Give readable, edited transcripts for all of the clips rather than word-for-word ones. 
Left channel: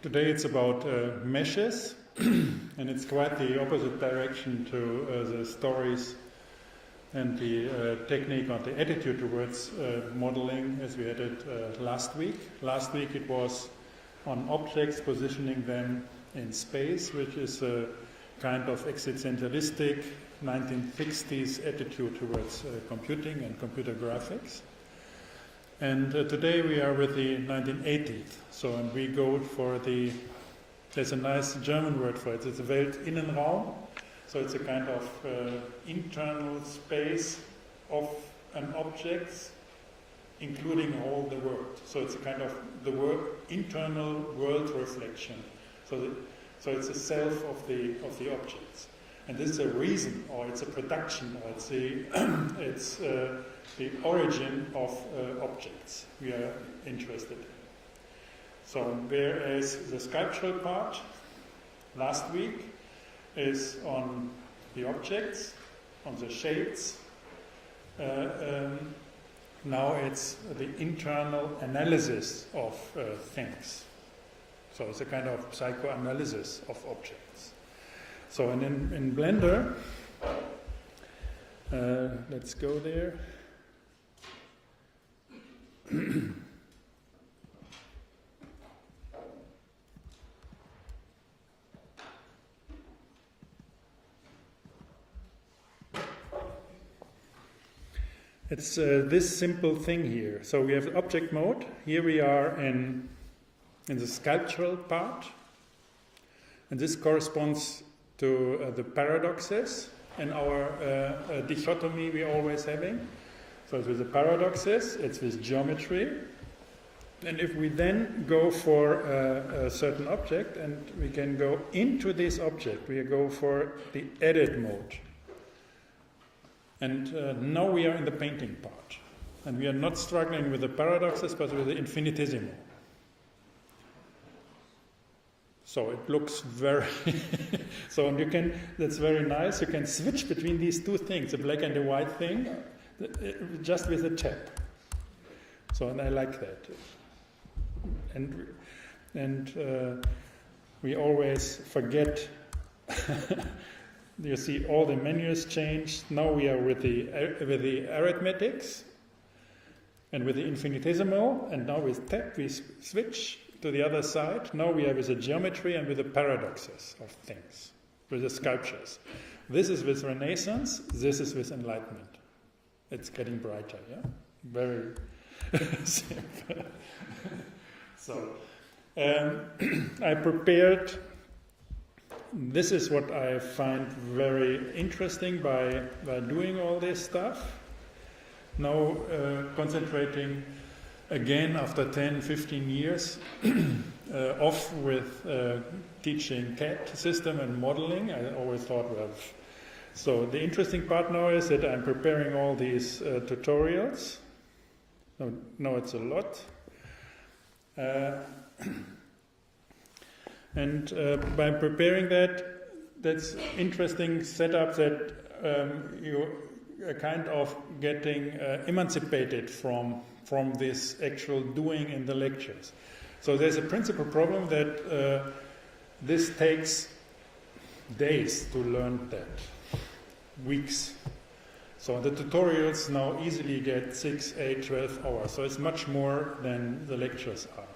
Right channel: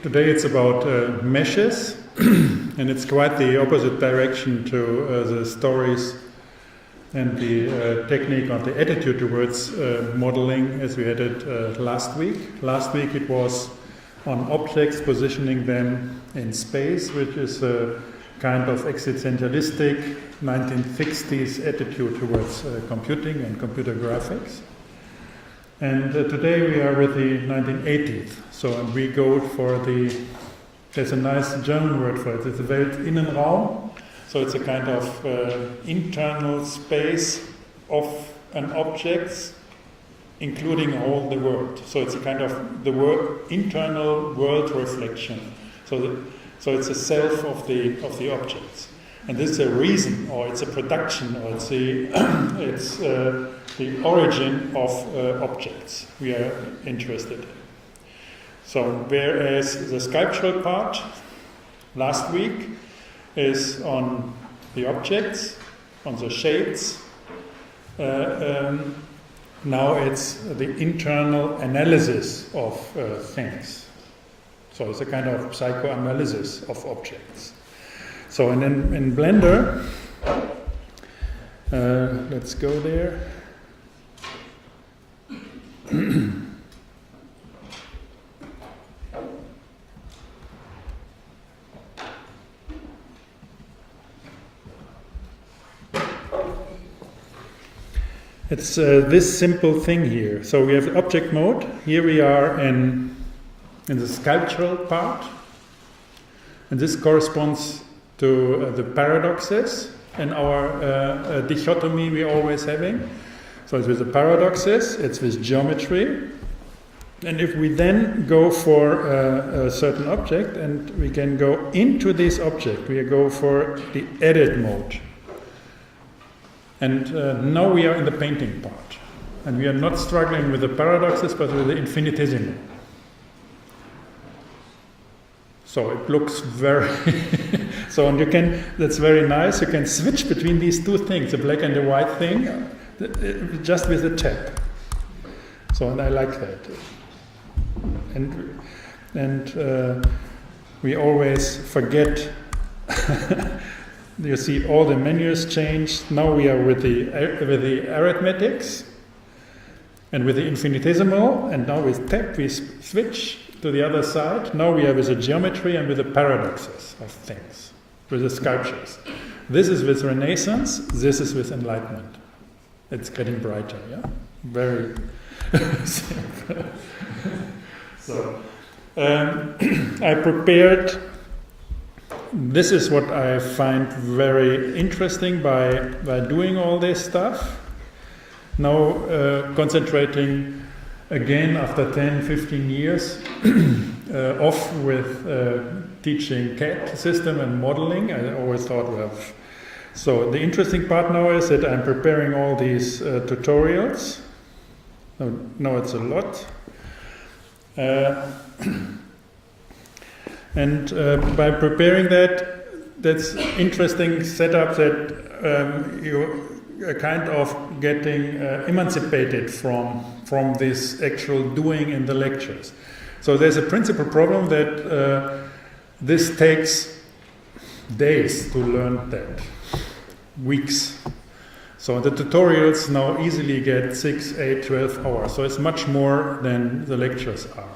Today it's about meshes, and it's quite the opposite direction to the stories and the technique or the attitude towards modeling as we had it last week. Last week it was on objects, positioning them in space, which is a kind of existentialistic 1960s attitude towards computing and computer graphics. And today we are with the 1980s. So we go for there's a nice German word for it, it's the Weltinnenraum. So it's a kind of internal space of an object, including all the world. So it's a kind of internal world reflection. So it's a self of the objects. And this is a reason, or it's a production, or it's the origin of objects we are interested in. So whereas the sculptural part last week is on the objects, on the shapes, now it's the internal analysis of things. So it's a kind of psychoanalysis of objects. So in Blender, let's go there. It's this simple thing here. So we have object mode. Here we are in the sculptural part, and this corresponds to the paradoxes and our dichotomy we're always having. So it's with the paradoxes, it's with geometry. And if we then go for a certain object and we can go into this object, we go for the edit mode. And now we are in the painting part. And we are not struggling with the paradoxes, but with the infinitesimal. So it looks very so, and you can, that's very nice, you can switch between these two things, the black and the white thing, just with a tap. So, and I like that. And we always forget, you see all the menus changed. Now we are with the arithmetics and with the infinitesimal, and now with tap we switch to the other side. Now we are with the geometry and with the paradoxes of things, with the sculptures. This is with Renaissance, this is with Enlightenment. It's getting brighter, yeah? Very simple. So, I prepared, this is what I find very interesting by doing all this stuff. Now concentrating again after 10, 15 years off with teaching CAD system and modeling. I always thought, well, so the interesting part now is that I'm preparing all these tutorials. No, it's a lot. And by preparing that's interesting setup that you are kind of getting emancipated from this actual doing in the lectures. So there's a principal problem that this takes days to learn that, weeks. So the tutorials now easily get 6, 8, 12 hours. So it's much more than the lectures are.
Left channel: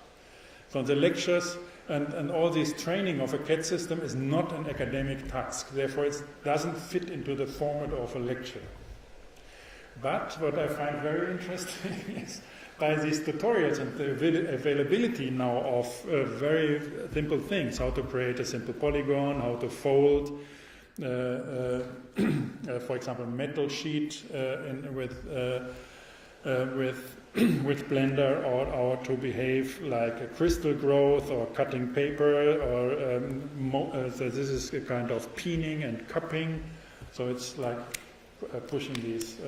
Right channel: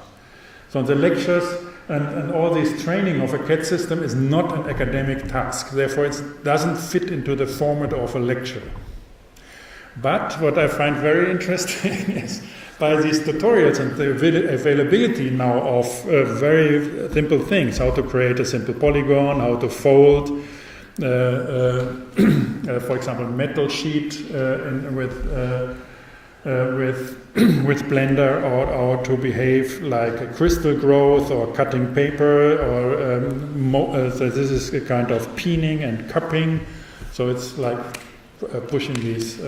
So the lectures and all this training of a CAD system is not an academic task. Therefore, it doesn't fit into the format of a lecture. But what I find very interesting is by these tutorials and the availability now of very simple things, how to create a simple polygon, how to fold, for example, metal sheet with Blender, or to behave like a crystal growth or cutting paper, or so this is a kind of peening and cupping. So it's like pushing these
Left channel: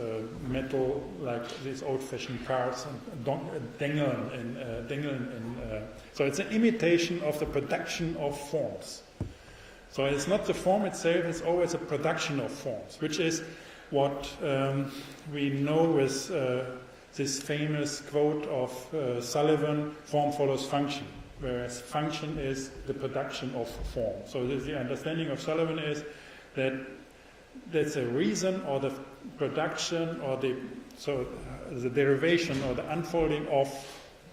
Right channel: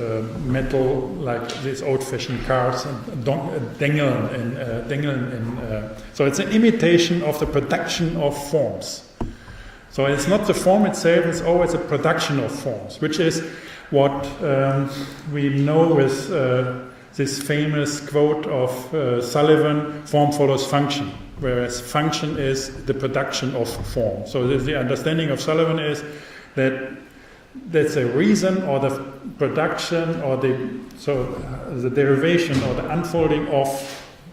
metal, like these old-fashioned cars, and dengeln. So it's an imitation of the production of forms. So it's not the form itself, it's always a production of forms, which is what we know with this famous quote of Sullivan, form follows function. whereas function is the production of form. So the understanding of Sullivan is that that's a reason or the production or the derivation or the unfolding of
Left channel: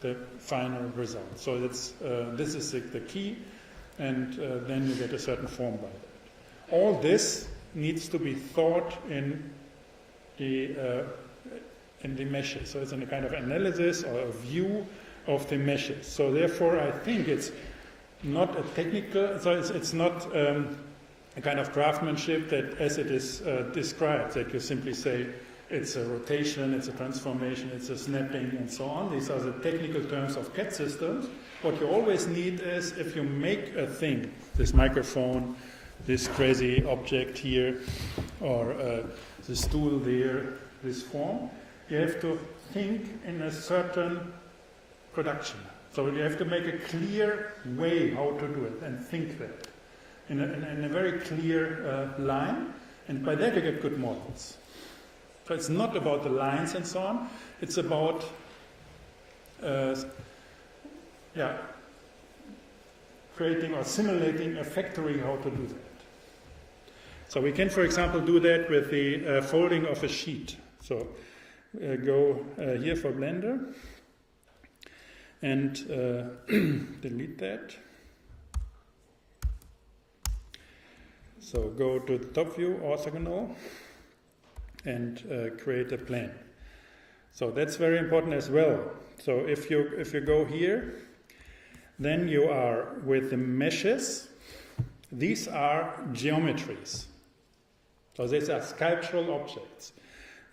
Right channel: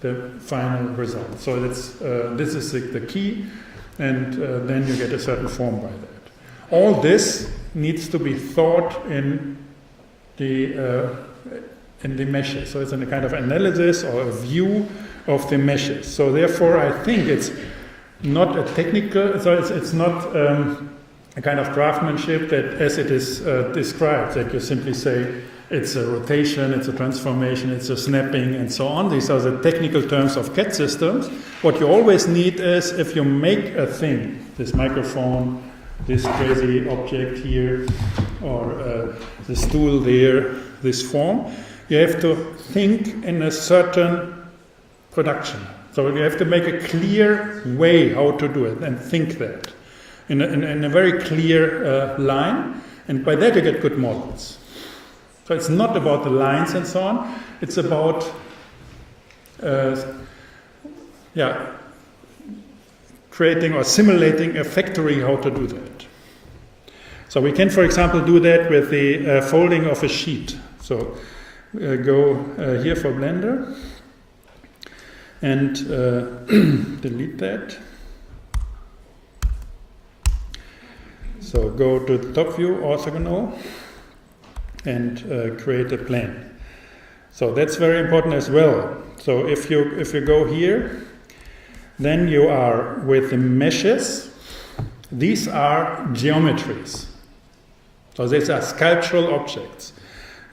the final result. So this is the key, and then you get a certain form by that. All this needs to be thought in the meshes. So it's a kind of analysis or a view of the meshes. So therefore, I think it's not a technical. So it's not a kind of craftsmanship that, as it is described, that you simply say it's a rotation, it's a transformation, it's a snapping, and so on. These are the technical terms of CAD systems. What you always need is, if you make a thing, this microphone, this crazy object here, or the stool there, this form, you have to think in a certain production. So you have to make a clear way how to do it and think that in a very clear line, and by that you get good models. So it's not about the lines and so on, it's about creating or simulating a factory how to do that. So we can, for example, do that with the folding of a sheet. So go here for Blender and delete that. So go to the top view, orthogonal, and create a plane. So that's very important as well. So if you go here, then you are with the meshes. These are geometries. So these are sculptural objects.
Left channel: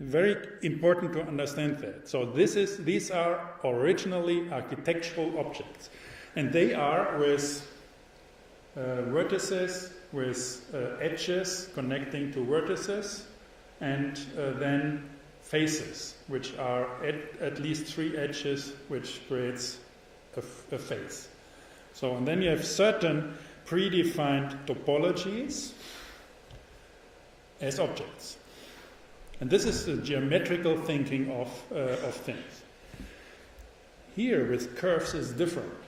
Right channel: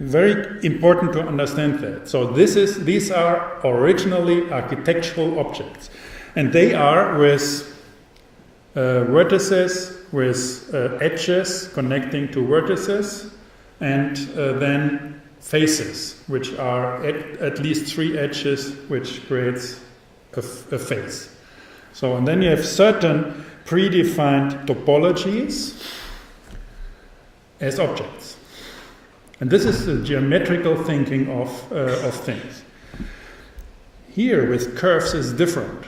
Very important to understand that. So these are originally architectural objects, and they are with vertices, with edges connecting to vertices, and then faces, which are at least 3 edges, which creates a face. So, and then you have certain predefined topologies as objects. And this is the geometrical thinking of things. Here with curves is different.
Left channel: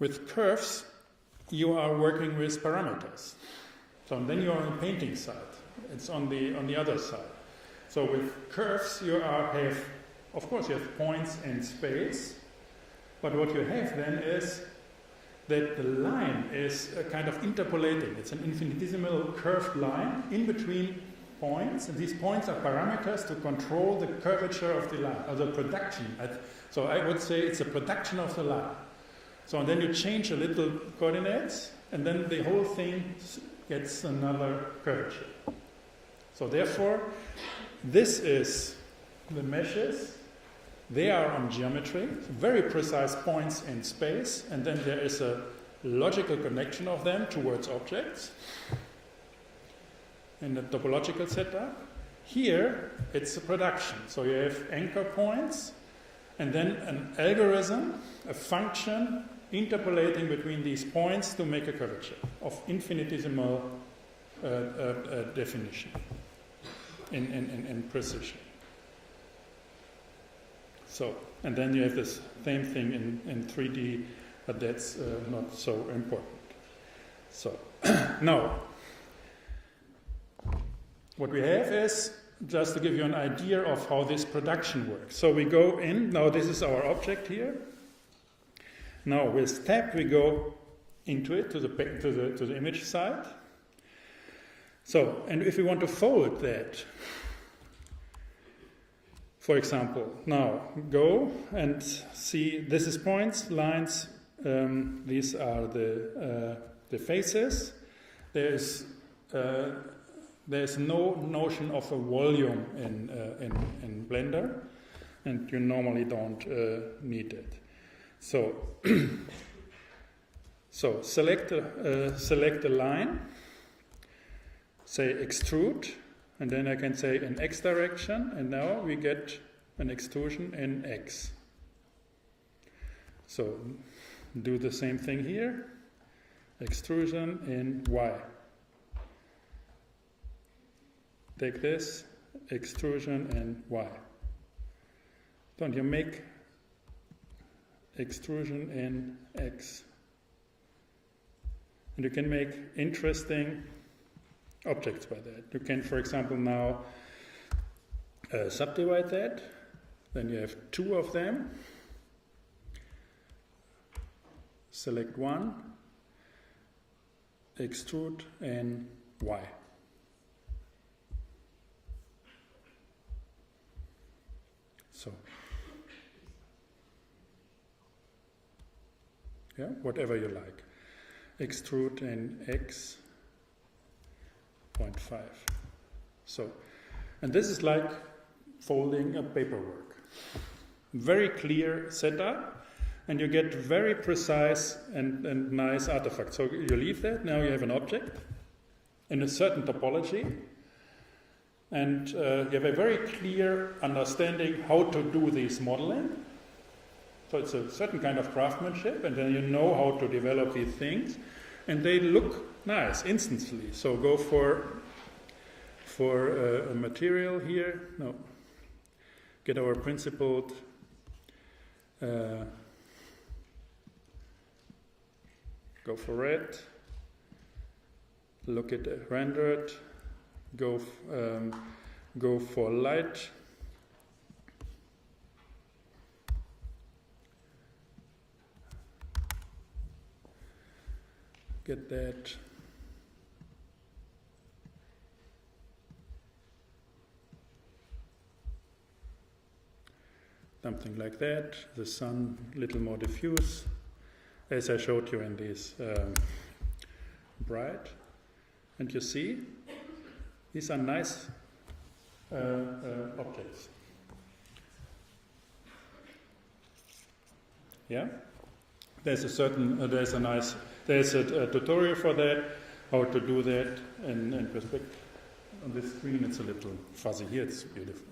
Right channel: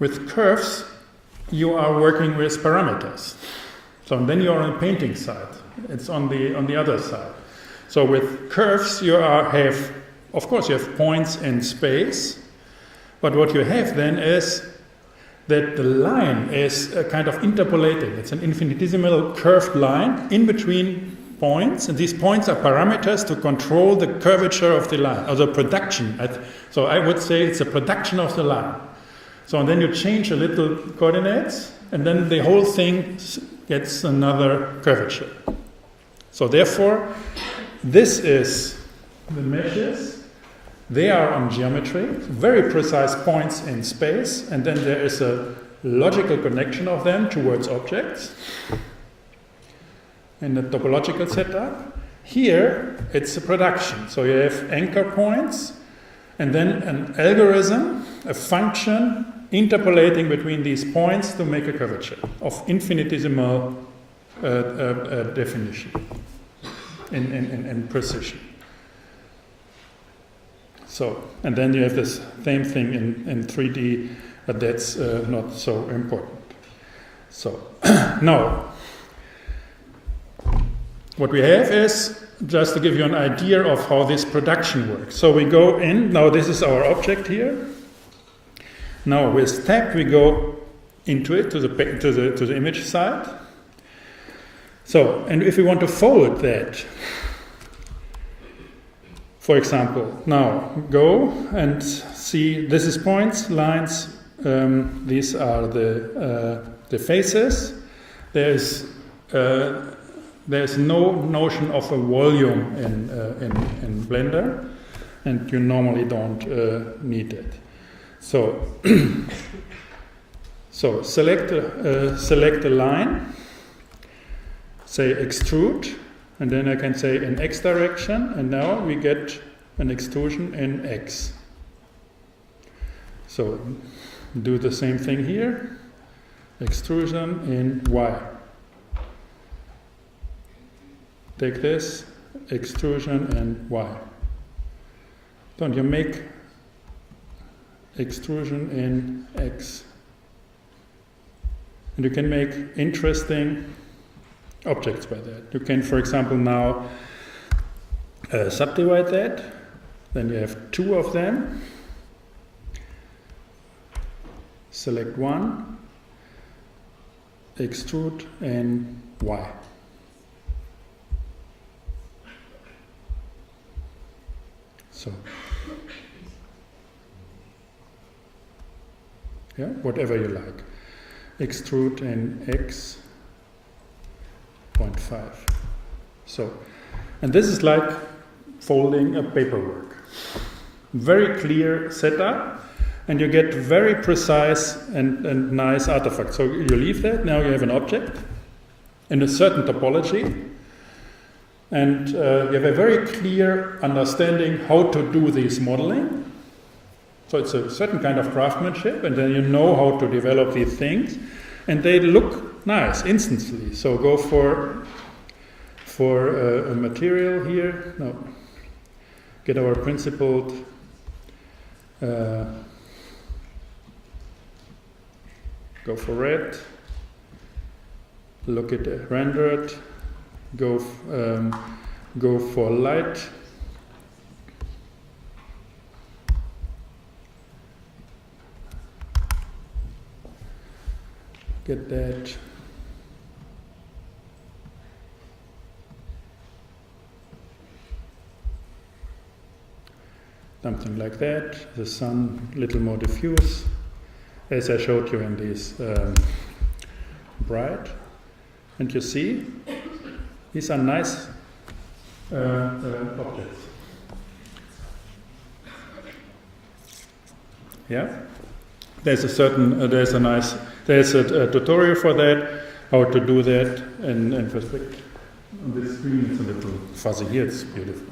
With curves, you are working with parameters. So then you are on the painting side. It's on the other side. So with curves, you have, of course, you have points in space, but what you have then is that the line is a kind of interpolating. It's an infinitesimal curved line in between points, and these points are parameters to control the curvature of the line, or the production. So I would say it's a production of the line. So and then you change a little coordinates, and then the whole thing gets another curvature. So therefore, this is the meshes. They are on geometry, very precise points in space, and then there is a logical connection of them towards objects in the topological setup. Here, it's a production. So you have anchor points, and then an algorithm, a function, interpolating between these points to make a curvature of infinitesimal definition in precision. So, and then you have this same thing in 3D, but that's not so important. So, now, what we have is, just to give you an idea of how this production works. So we go in, now this is our object here. Now with tab we go into it, to the image side. So, and if we want to fold that, for example, now go and see, this is points, lines, these are the faces. There's no notion of a volume in Blender, and you normally don't need it. So, so select a line, say extrude, and then I can say in X direction, and now we get an extrusion in X. So do the same thing here, extrusion in Y. Take this, extrusion in Y. Don't you make extrusion in X. And you can make interesting objects by that. You can, for example, now subdivide that. Then you have two of them. Select one, extrude in Y. So, yeah, whatever you like. Extrude in X 0.5. So, and this is like folding a paperwork. Very clear setup, and you get very precise and nice artifacts. So you leave that, now you have an object in a certain topology, and you have a very clear understanding how to do this modeling. So it's a certain kind of craftsmanship, and then you know how to develop these things, and they look nice instantly. So go for a material here. No, get our principled go for red. Look at rendered. Go for light. Get that. Something like that. The sun a little more diffuse, as I showed you in these bright. And you see, these are nice objects. Yeah, there's a tutorial for that, how to do that in perspective. This screen is a little fuzzy here. It's beautiful.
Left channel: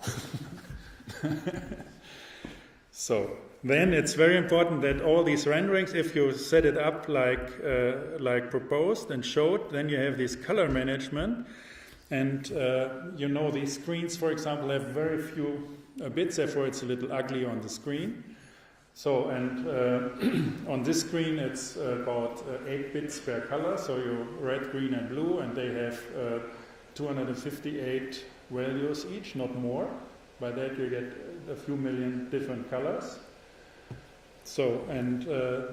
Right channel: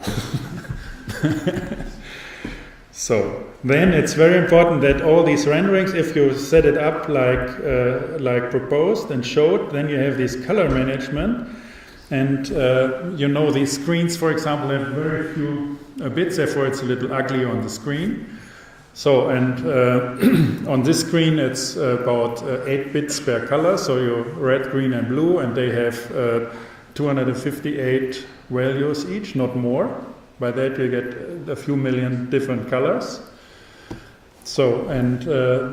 So then it's very important that all these renderings, if you set it up like proposed and showed, then you have this color management. And you know, these screens, for example, have very few bits, therefore it's a little ugly on the screen. So, and on this screen it's about 8 bits per color, so you're red, green and blue, and they have 258 values each, not more. By that you get a few million different colors. So, and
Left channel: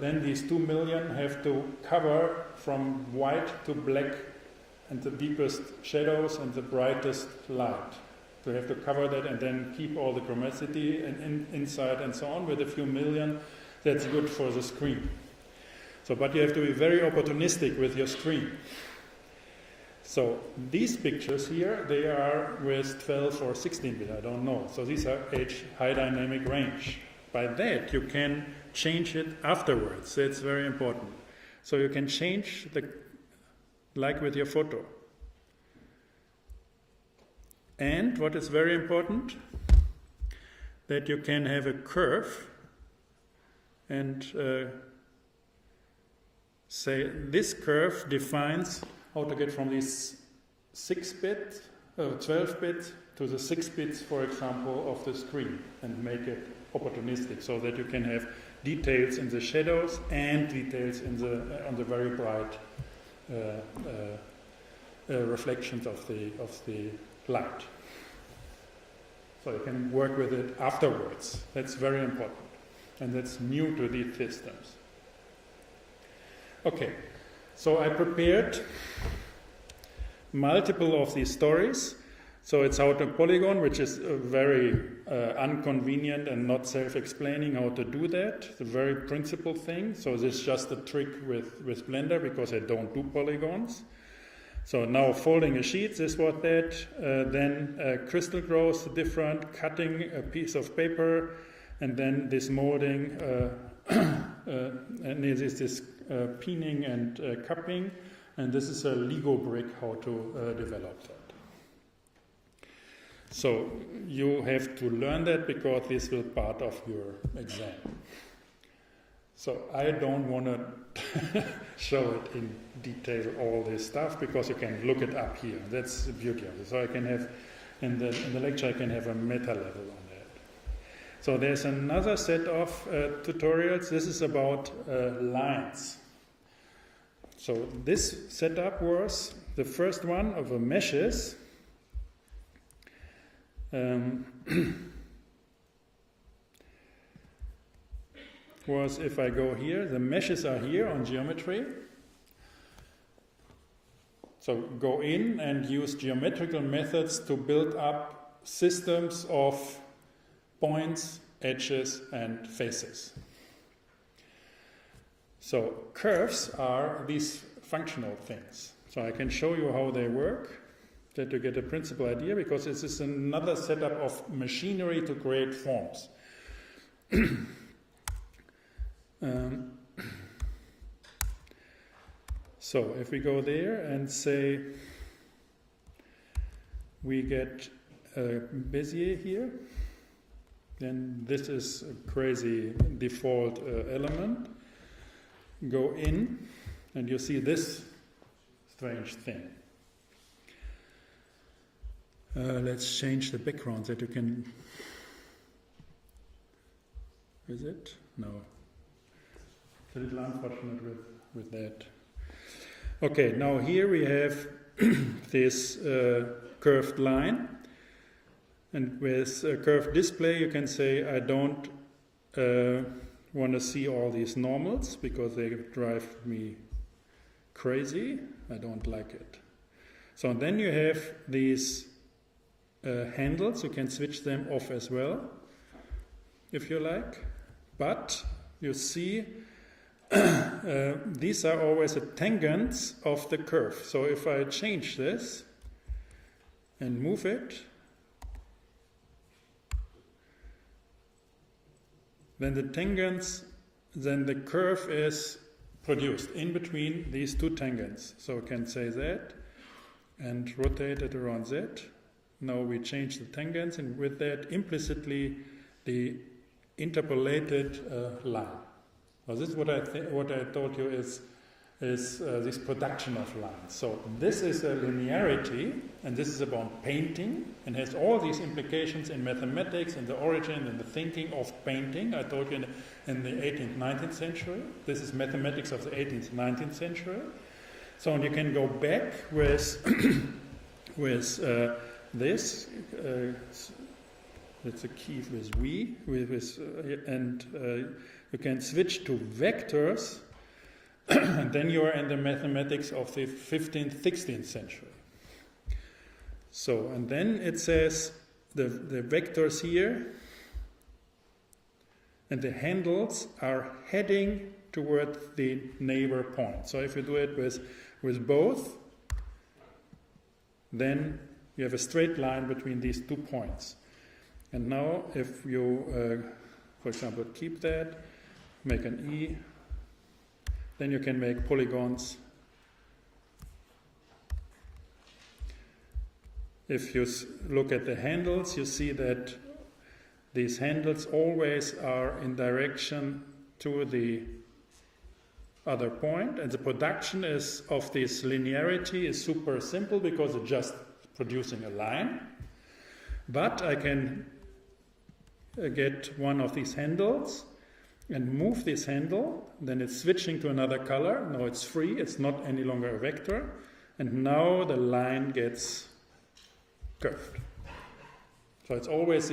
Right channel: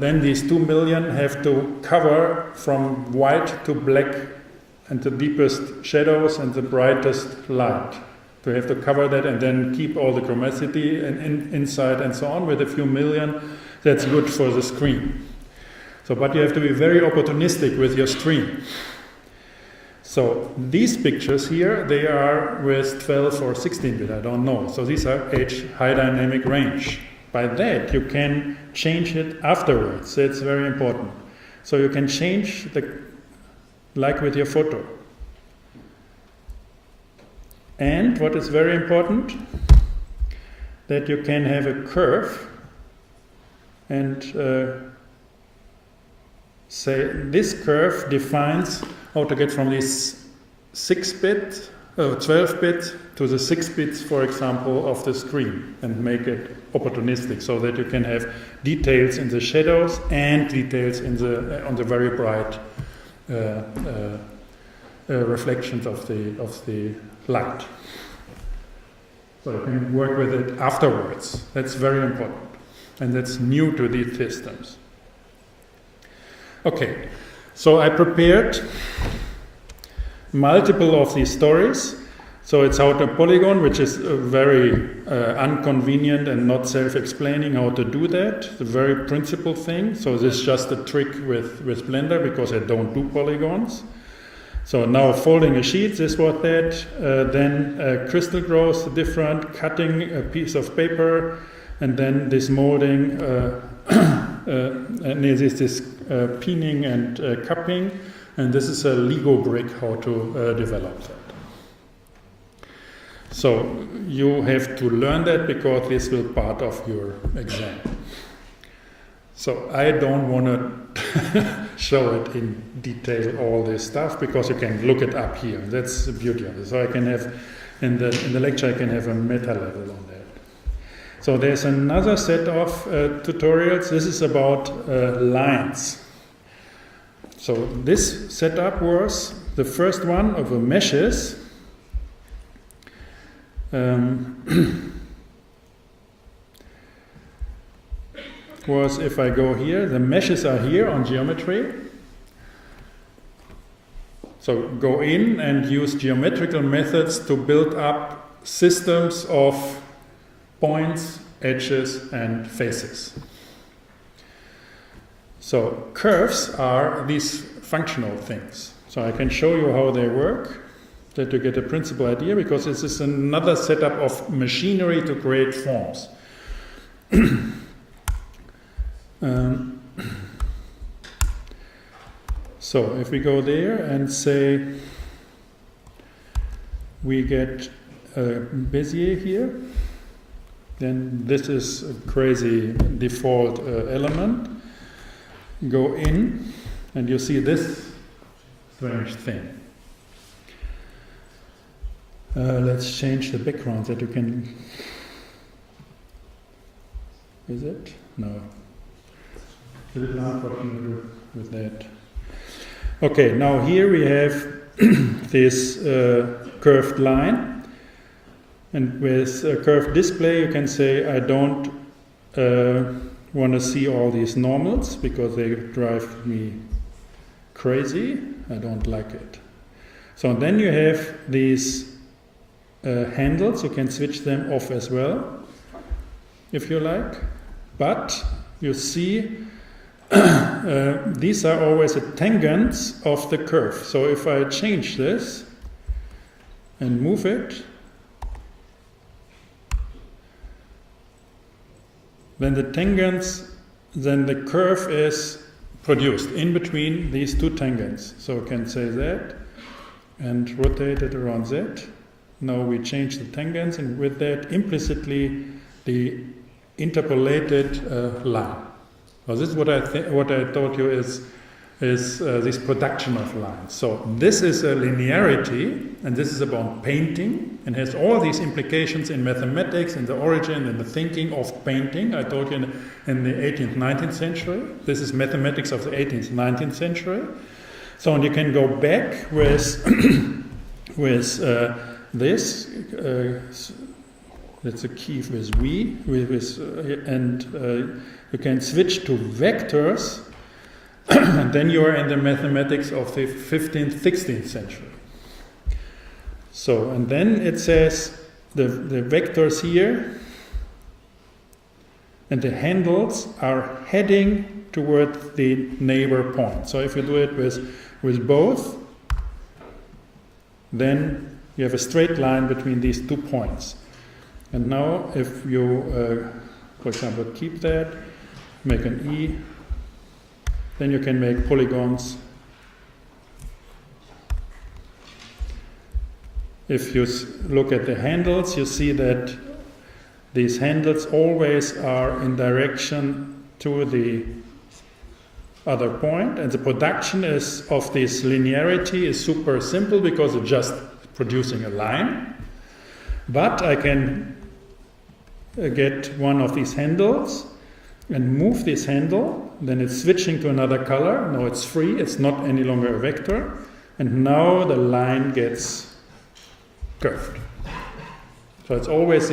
then these 2 million have to cover from white to black and the deepest shadows and the brightest light. So you have to cover that and then keep all the chromaticity inside and so on with a few million. That's good for the screen. So, but you have to be very opportunistic with your stream. So these pictures here, they are with 12 or 16-bit, I don't know. So these are high dynamic range. By that you can change it afterwards. That's very important. So you can change like with your photo. And what is very important, that you can have a curve and say this curve defines how to get from this 6-bit, 12-bit to the 6 bits, for example, of the screen, and make it opportunistic so that you can have details in the shadows and details in on the very bright reflections of the light. So you can work with it afterwards. That's very important, and that's new to these systems. Okay, so I prepared multiple of these stories. So it's how to polygon, which is a very inconvenient and not self-explaining how to do that. It's a very principal thing. So this is just a trick with Blender because I don't do polygons. So now folding a sheet is what that. Then crystal growth, different, cutting a piece of paper, and then this molding, and this pinning and cupping. And this is a Lego brick, how to develop that. So you have to learn that because this will be part of your exam. So I don't want to show it in detail all this stuff because you can look it up here. That's the beauty of it. So I can have in the lecture I can have a meta level on that. So there's another set of tutorials. This is about lines. So this setup was the first one of the meshes. Was if I go here, the meshes are here on geometry. So go in and use geometrical methods to build up systems of points, edges, and faces. So curves are these functional things. So I can show you how they work, that you get a principal idea, because this is another setup of machinery to create forms. So if we go there and say we get a Bezier here, then this is a crazy default element. Go in and you see this strange thing. Let's change the background that you can... Is it? No. It's a little hard with that. Okay, now here we have this curved line, and with a curved display you can say I don't want to see all these normals because they drive me crazy. I don't like it. So then you have these handles. You can switch them off as well if you like, but you see these are always the tangents of the curve. So if I change this and move it, then the tangents, then the curve is produced in between these two tangents. So I can say that and rotate it around that. Now we change the tangents, and with that implicitly the interpolated line. Well, this is what I told you is this production of lines. So this is a linearity, and this is about painting, and has all these implications in mathematics, in the origin and the thinking of painting. I told you in the 18th, 19th century. This is mathematics of the 18th, 19th century. So and you can go back with this. That's a key with V, and you can switch to vectors, and then you are in the mathematics of the 15th, 16th century. So, and then it says the vectors here and the handles are heading toward the neighbor point. So if you do it with both, then you have a straight line between these 2 points. And now if you, for example, keep that, make an E, then you can make polygons. If you look at the handles, you see that these handles always are in direction to the other point, and the production of this linearity is super simple because it's just producing a line. But I can get one of these handles and move this handle, then it's switching to another color. Now it's free, it's not any longer a vector, and now the line gets curved. So it's always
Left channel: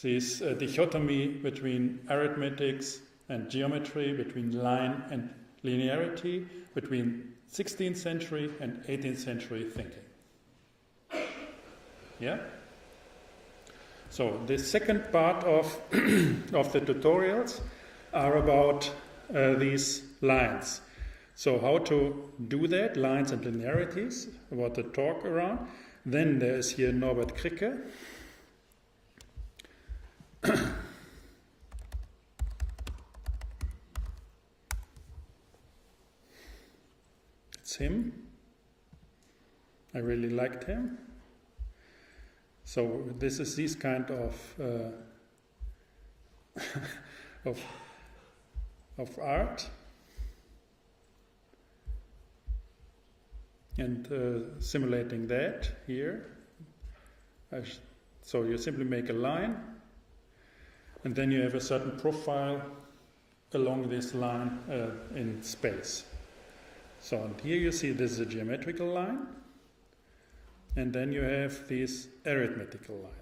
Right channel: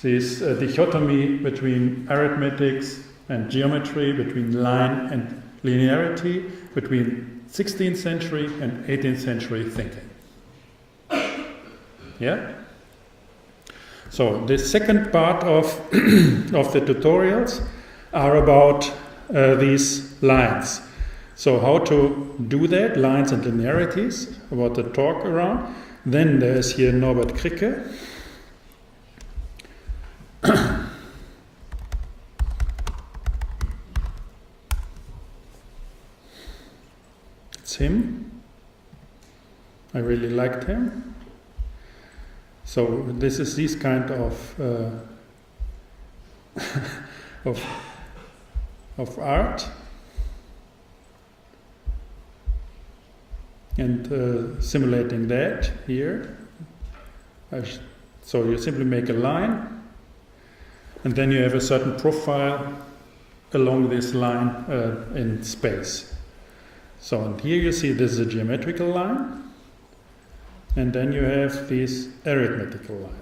this dichotomy between arithmetics and geometry, between line and linearity, between 16th century and 18th century thinking. Yeah? So the second part of the tutorials are about these lines. So how to do that, lines and linearities, about the talk around. Then there's here Norbert Kricke. It's him. I really liked him. So this is this kind of of art, and simulating that here. So you simply make a line, and then you have a certain profile along this line in space. So, and here you see this is a geometrical line, and then you have this arithmetical line.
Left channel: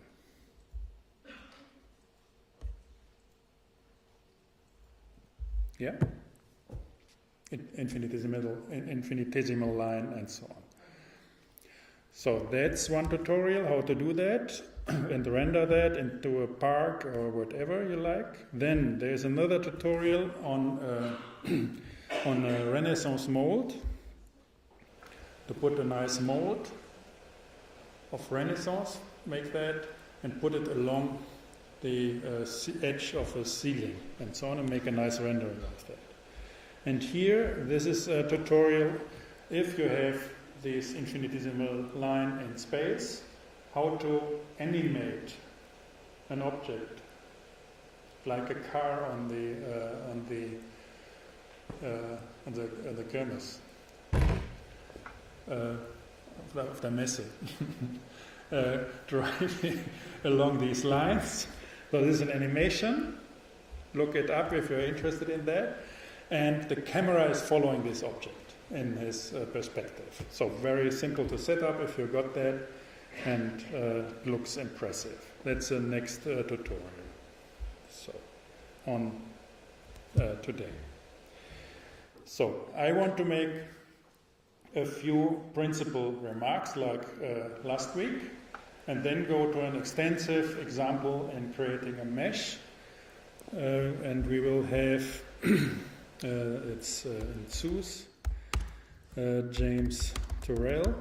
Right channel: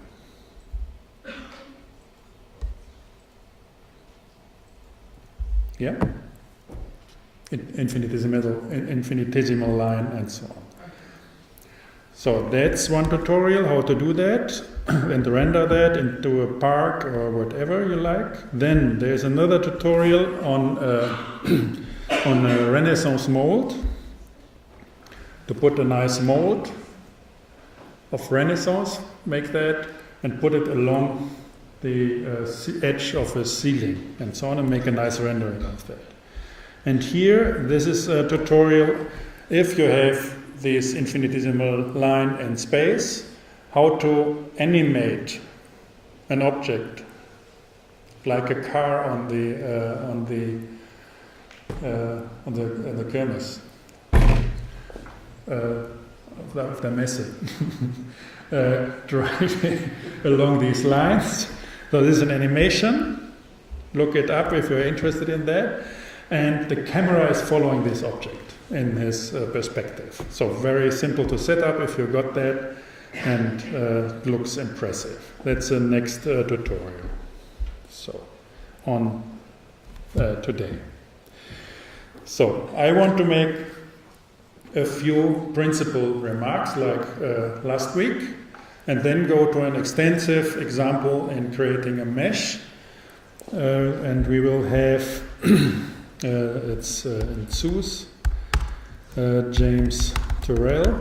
Yeah? Infinitesimal line and so on. So that's one tutorial, how to do that and render that into a park or whatever you like. Then there's another tutorial on on a Renaissance mold, to put a nice mold of Renaissance, make that, and put it along the edge of a ceiling and so on, and make a nice rendering of that. And here, this is a tutorial, if you have this infinitesimal line and space, how to animate an object, like a car on the kermis, auf der Messe, driving along these lines. So this is an animation. Look it up if you're interested in that. And the camera is following this object in his perspective. So very simple to set up if you got that, and looks impressive. That's the next tutorial. So on today. So I want to make a few principal remarks like last week, and then go to an extensive example in creating a mesh. And we will have it's in Zeus, James Turrell,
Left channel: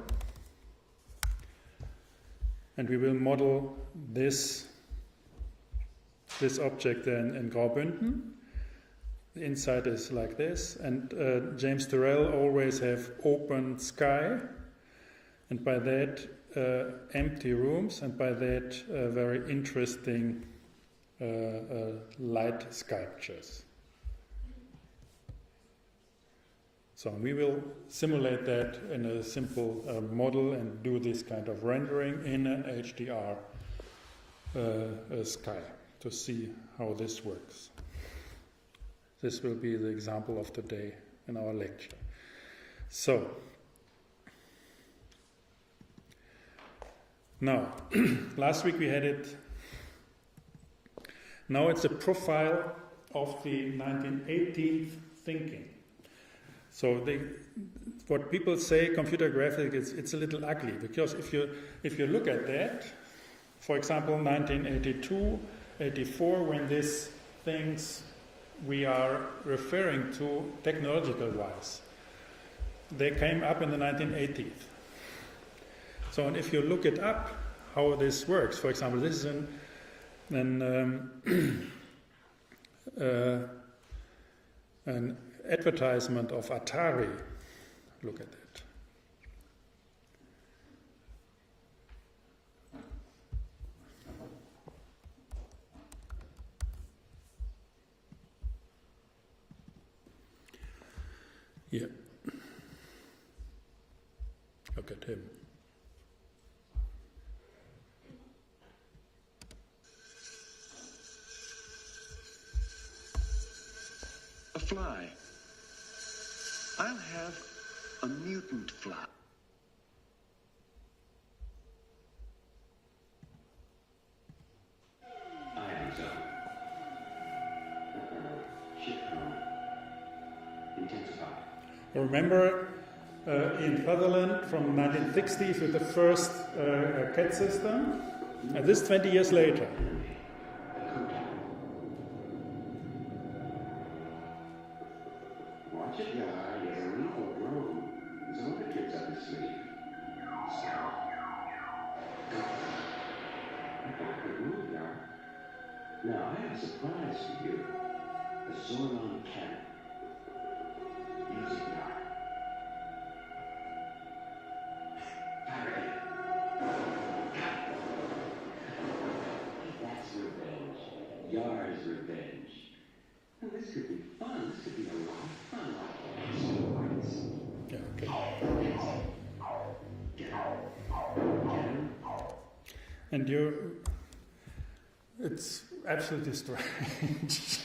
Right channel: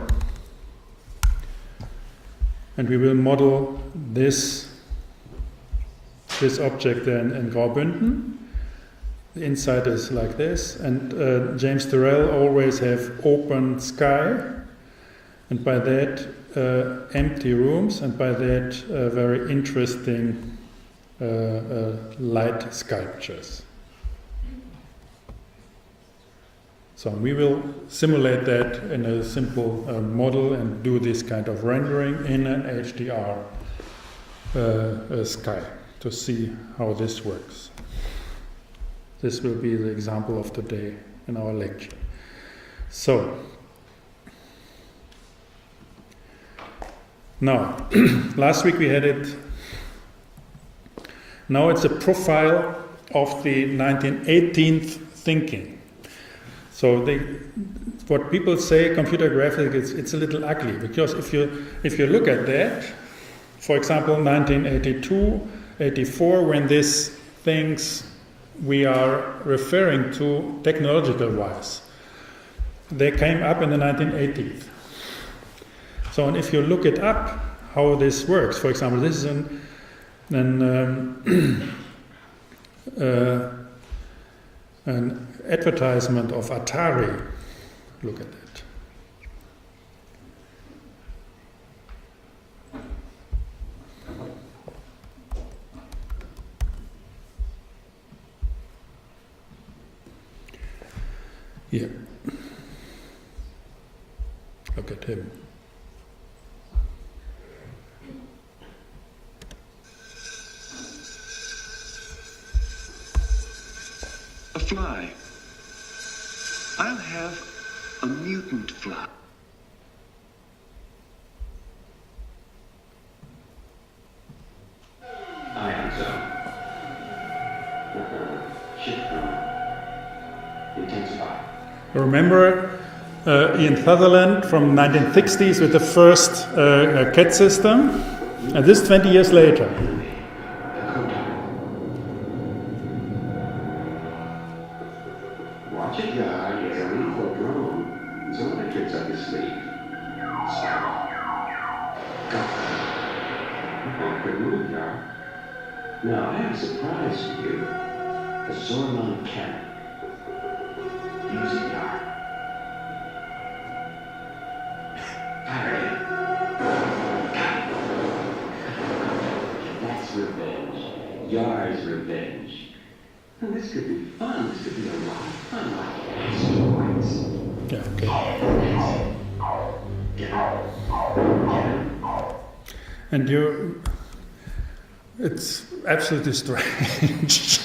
and we will model this object in Graubünden. The inside is like this, and James Turrell always have open sky, and by that empty rooms, and by that very interesting light sculptures. So we will simulate that in a simple model and do this kind of rendering in an HDR sky to see how this works. This will be the example of today in our lecture. So, now, last week we had it. Now it's a profile of the 1918th thinking. So what people say, computer graphics, it's a little ugly, because if you look at that, for example, 1982, 84, when these things we are referring to technological-wise, they came up in the 1980s. So, and if you look it up, how this works, for example, this is an advertisement of Atari. Look at that. Yeah. Look at him. A fly. I'll have a mutant fly. Ion zone. Shift room. Intensify. Remember Ian Sutherland from 1960s with the first CAD system, and this 20 years later. Watch it, guy. Get ready for a drone. Some of the tricks up your sleeve. Spiral. Go. Good move, Jar. Now, I have a surprise for you. A Zorman cannon. Use it, Jar. Fire it. Got it. That's revenge. Yar's revenge. Well, this could be fun. This could be a lot of fun. Like steroids. Yeah, okay. Get out. And it's absolutely strange.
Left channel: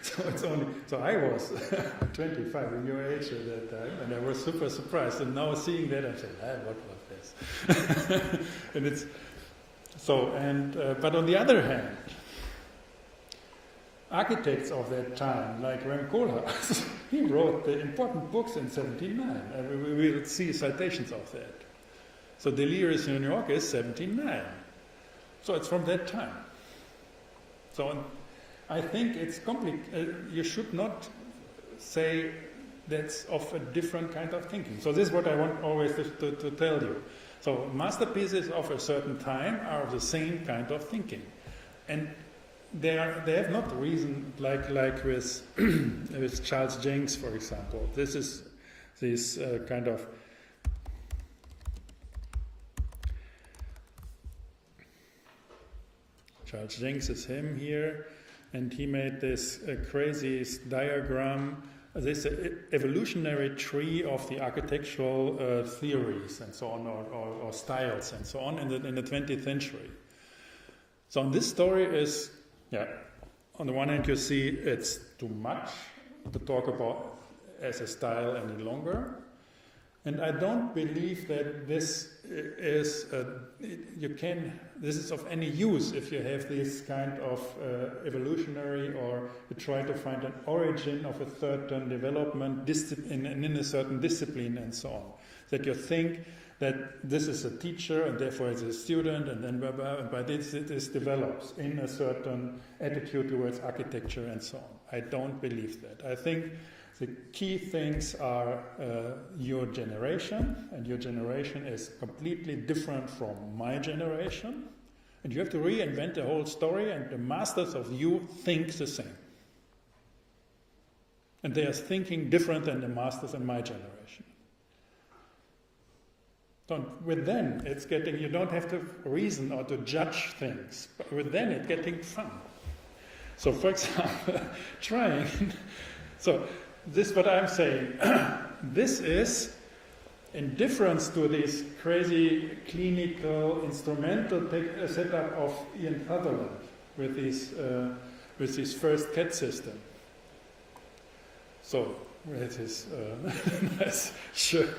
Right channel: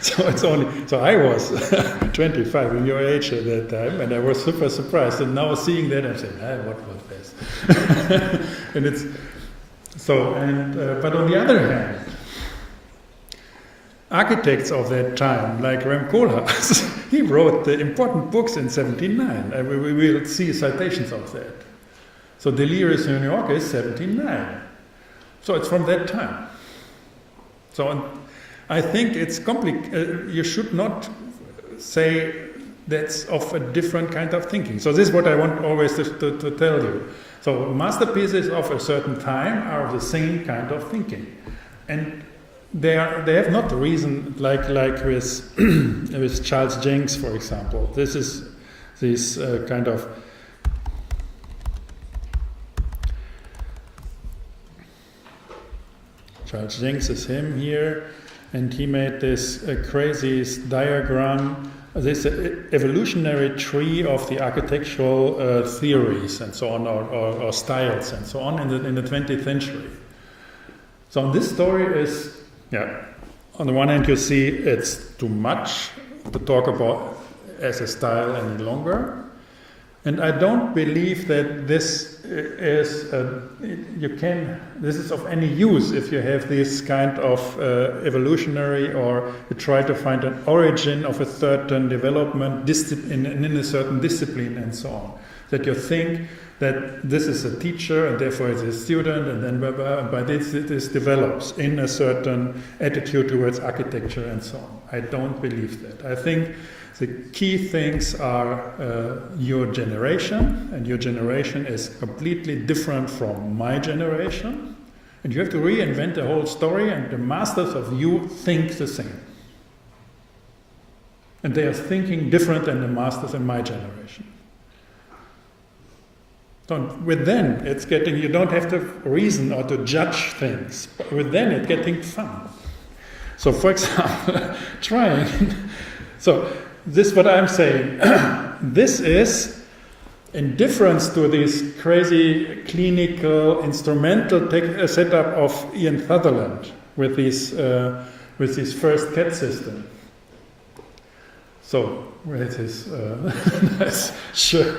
So I was 25 in your age at that time, and I was super surprised. And now seeing that, I'm saying, what was this? And it's so. But on the other hand, architects of that time, like Rem Koolhaas, he wrote the important books in 79, and we will see citations of that. So Delirious in New York is 79. So it's from that time. So I think it's complicated. You should not say that's of a different kind of thinking. So this is what I want always to tell you. So masterpieces of a certain time are of the same kind of thinking. And they have not the reason like with with Charles Jenks, for example. This is this kind of Charles Jenks is him here, and he made this crazy diagram, this evolutionary tree of the architectural theories and so on, or styles and so on in the 20th century. So this story is, on the one hand you see it's too much to talk about as a style any longer. And I don't believe that this is this is of any use if you have this kind of evolutionary, or you try to find an origin of a certain development in a certain discipline and so on. That you think that this is a teacher and therefore it's a student, and then by this develops in a certain attitude towards architecture and so on. I don't believe that. I think the key things are your generation, and your generation is completely different from my generation, and you have to reinvent the whole story, and the masters of you think the same. And they are thinking different than the masters in my generation. So with them, it's getting, you don't have to reason or to judge things, but with them it's getting fun. So for example, this is what I'm saying. This is, in difference to this crazy clinical instrumental setup of Ian Sutherland with his first CAD system. So where it is nice. Sure.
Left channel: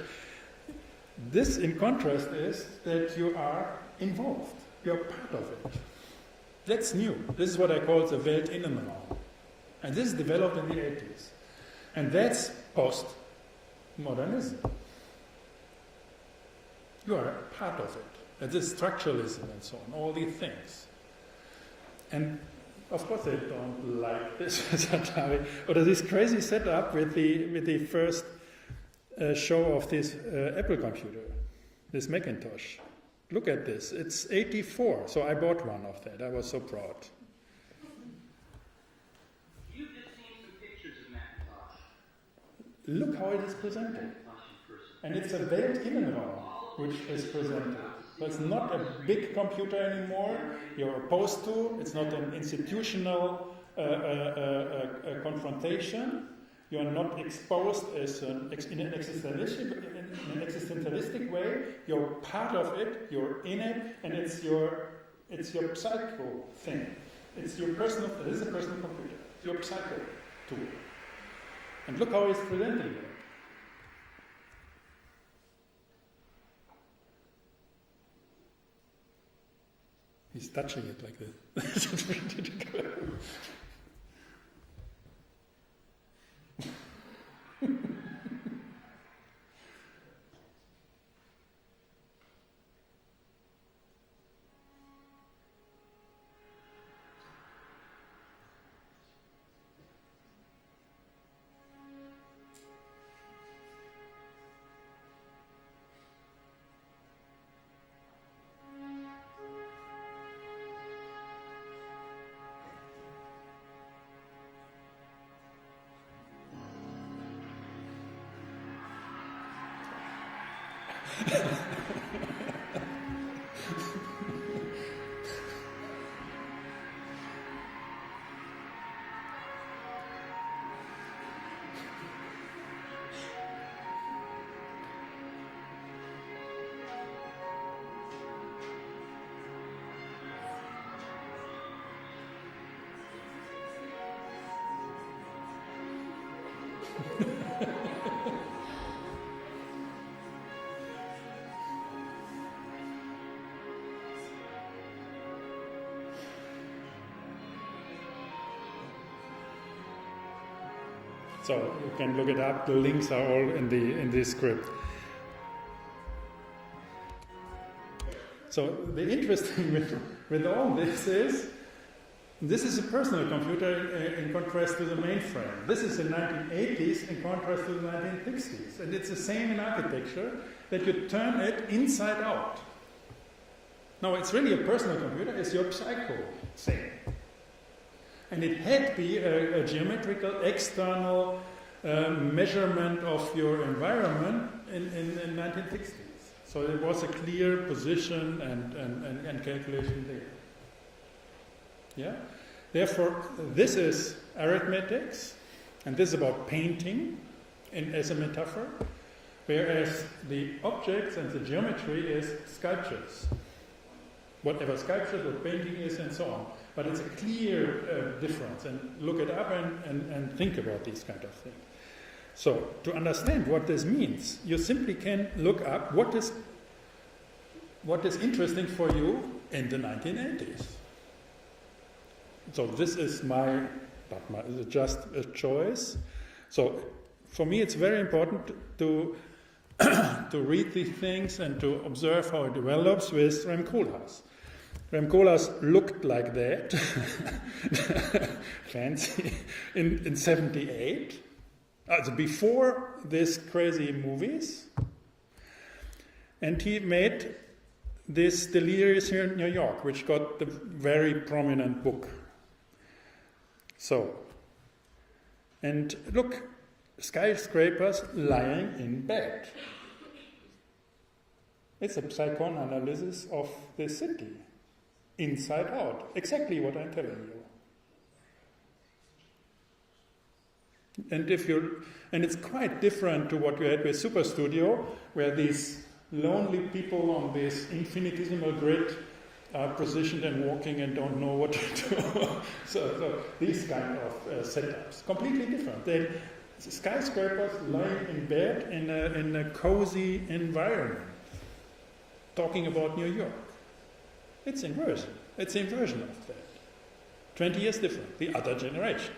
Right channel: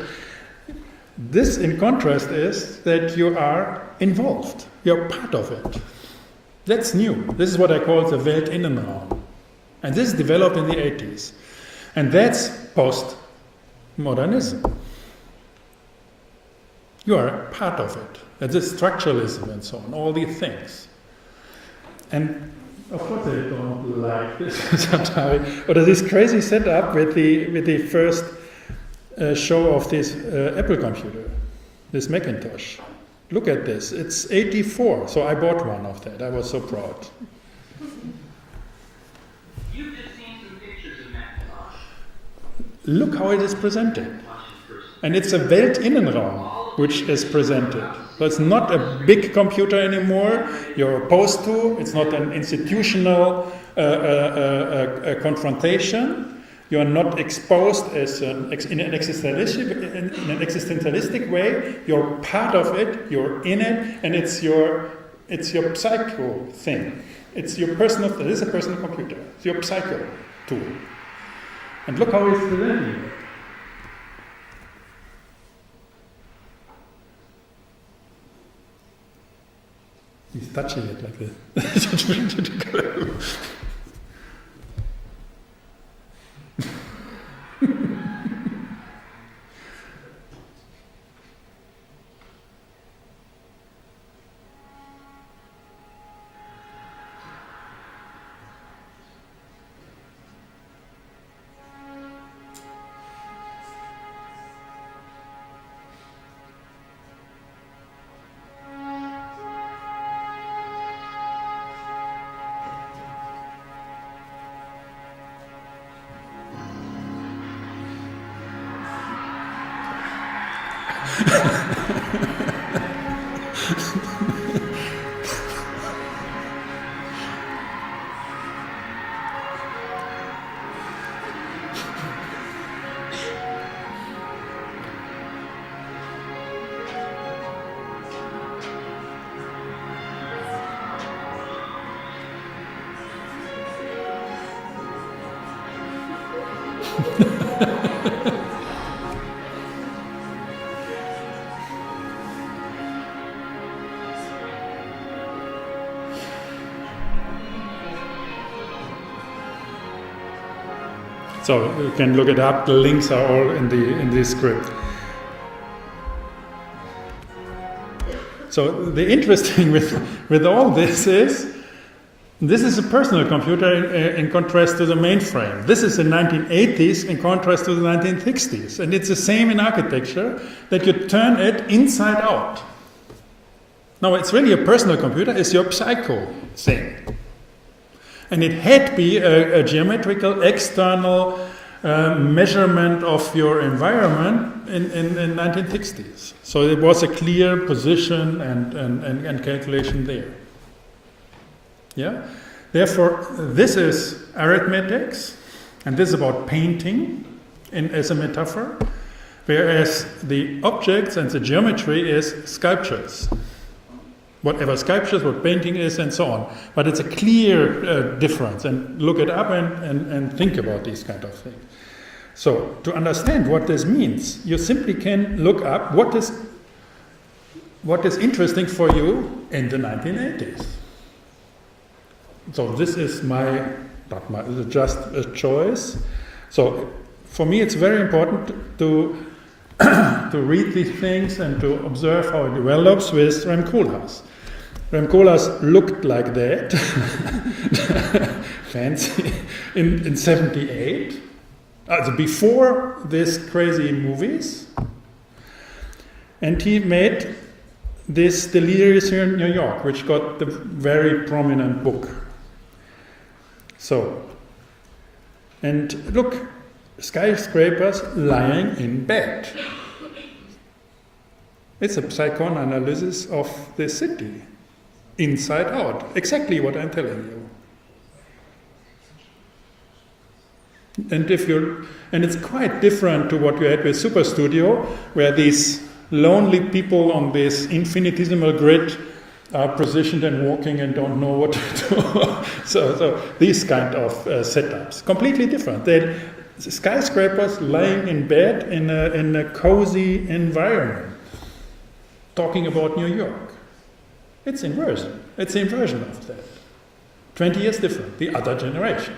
This, in contrast, is that you are involved. You're part of it. That's new. This is what I call the Weltinnenraum. And this developed in the 80s. And that's post-modernism. You are a part of it. That's structuralism and so on, all these things. And of course I don't like this, but this crazy setup with the first show of this Apple computer, this Macintosh. Look at this. It's 84, so I bought one of that. I was so proud. Look how it is presented. And it's a Weltinnenraum which is presented. So it's not a big computer anymore you're opposed to. It's not an institutional confrontation. You are not exposed as in an existentialistic way. You're part of it, you're in it, and it's your psycho thing. It's your personal, it is a personal computer. It's your psycho tool. And look how he's presenting it. He's touching it like this. So you can look it up. The links are all in the script. So the interesting with all this is a personal computer in contrast to the mainframe. This is the 1980s in contrast to the 1960s, and it's the same in architecture that you turn it inside out. Now it's really a personal computer. It's your psycho thing. And it had to be a geometrical external measurement of your environment in 1960s. So it was a clear position and calculation there. Yeah? Therefore, this is arithmetics, and this is about painting as a metaphor, whereas the objects and the geometry is sculptures. Whatever sculptures, what painting is, and so on. But it's a clear difference, and look it up and think about these kind of things. So, to understand what this means, you simply can look up what is interesting for you in the 1980s. So this is just a choice. So for me it's very important to read these things and to observe how it develops with Rem Koolhaas. Rem Koolhaas looked like that, fancy, in 78, before these crazy movies. And he made this Delirious here in New York, which got the very prominent book. So, and look, skyscrapers lying in bed. It's a psychoanalysis of the city, inside out. Exactly what I'm telling you. And it's quite different to what you had with Super Studio, where these lonely people on this infinitesimal grid are positioned and walking and don't know what to do. So these kind of setups, completely different. They're skyscrapers lying in bed in a cozy environment, talking about New York. It's inversion. It's the inversion of that. 20 years different, the other generation.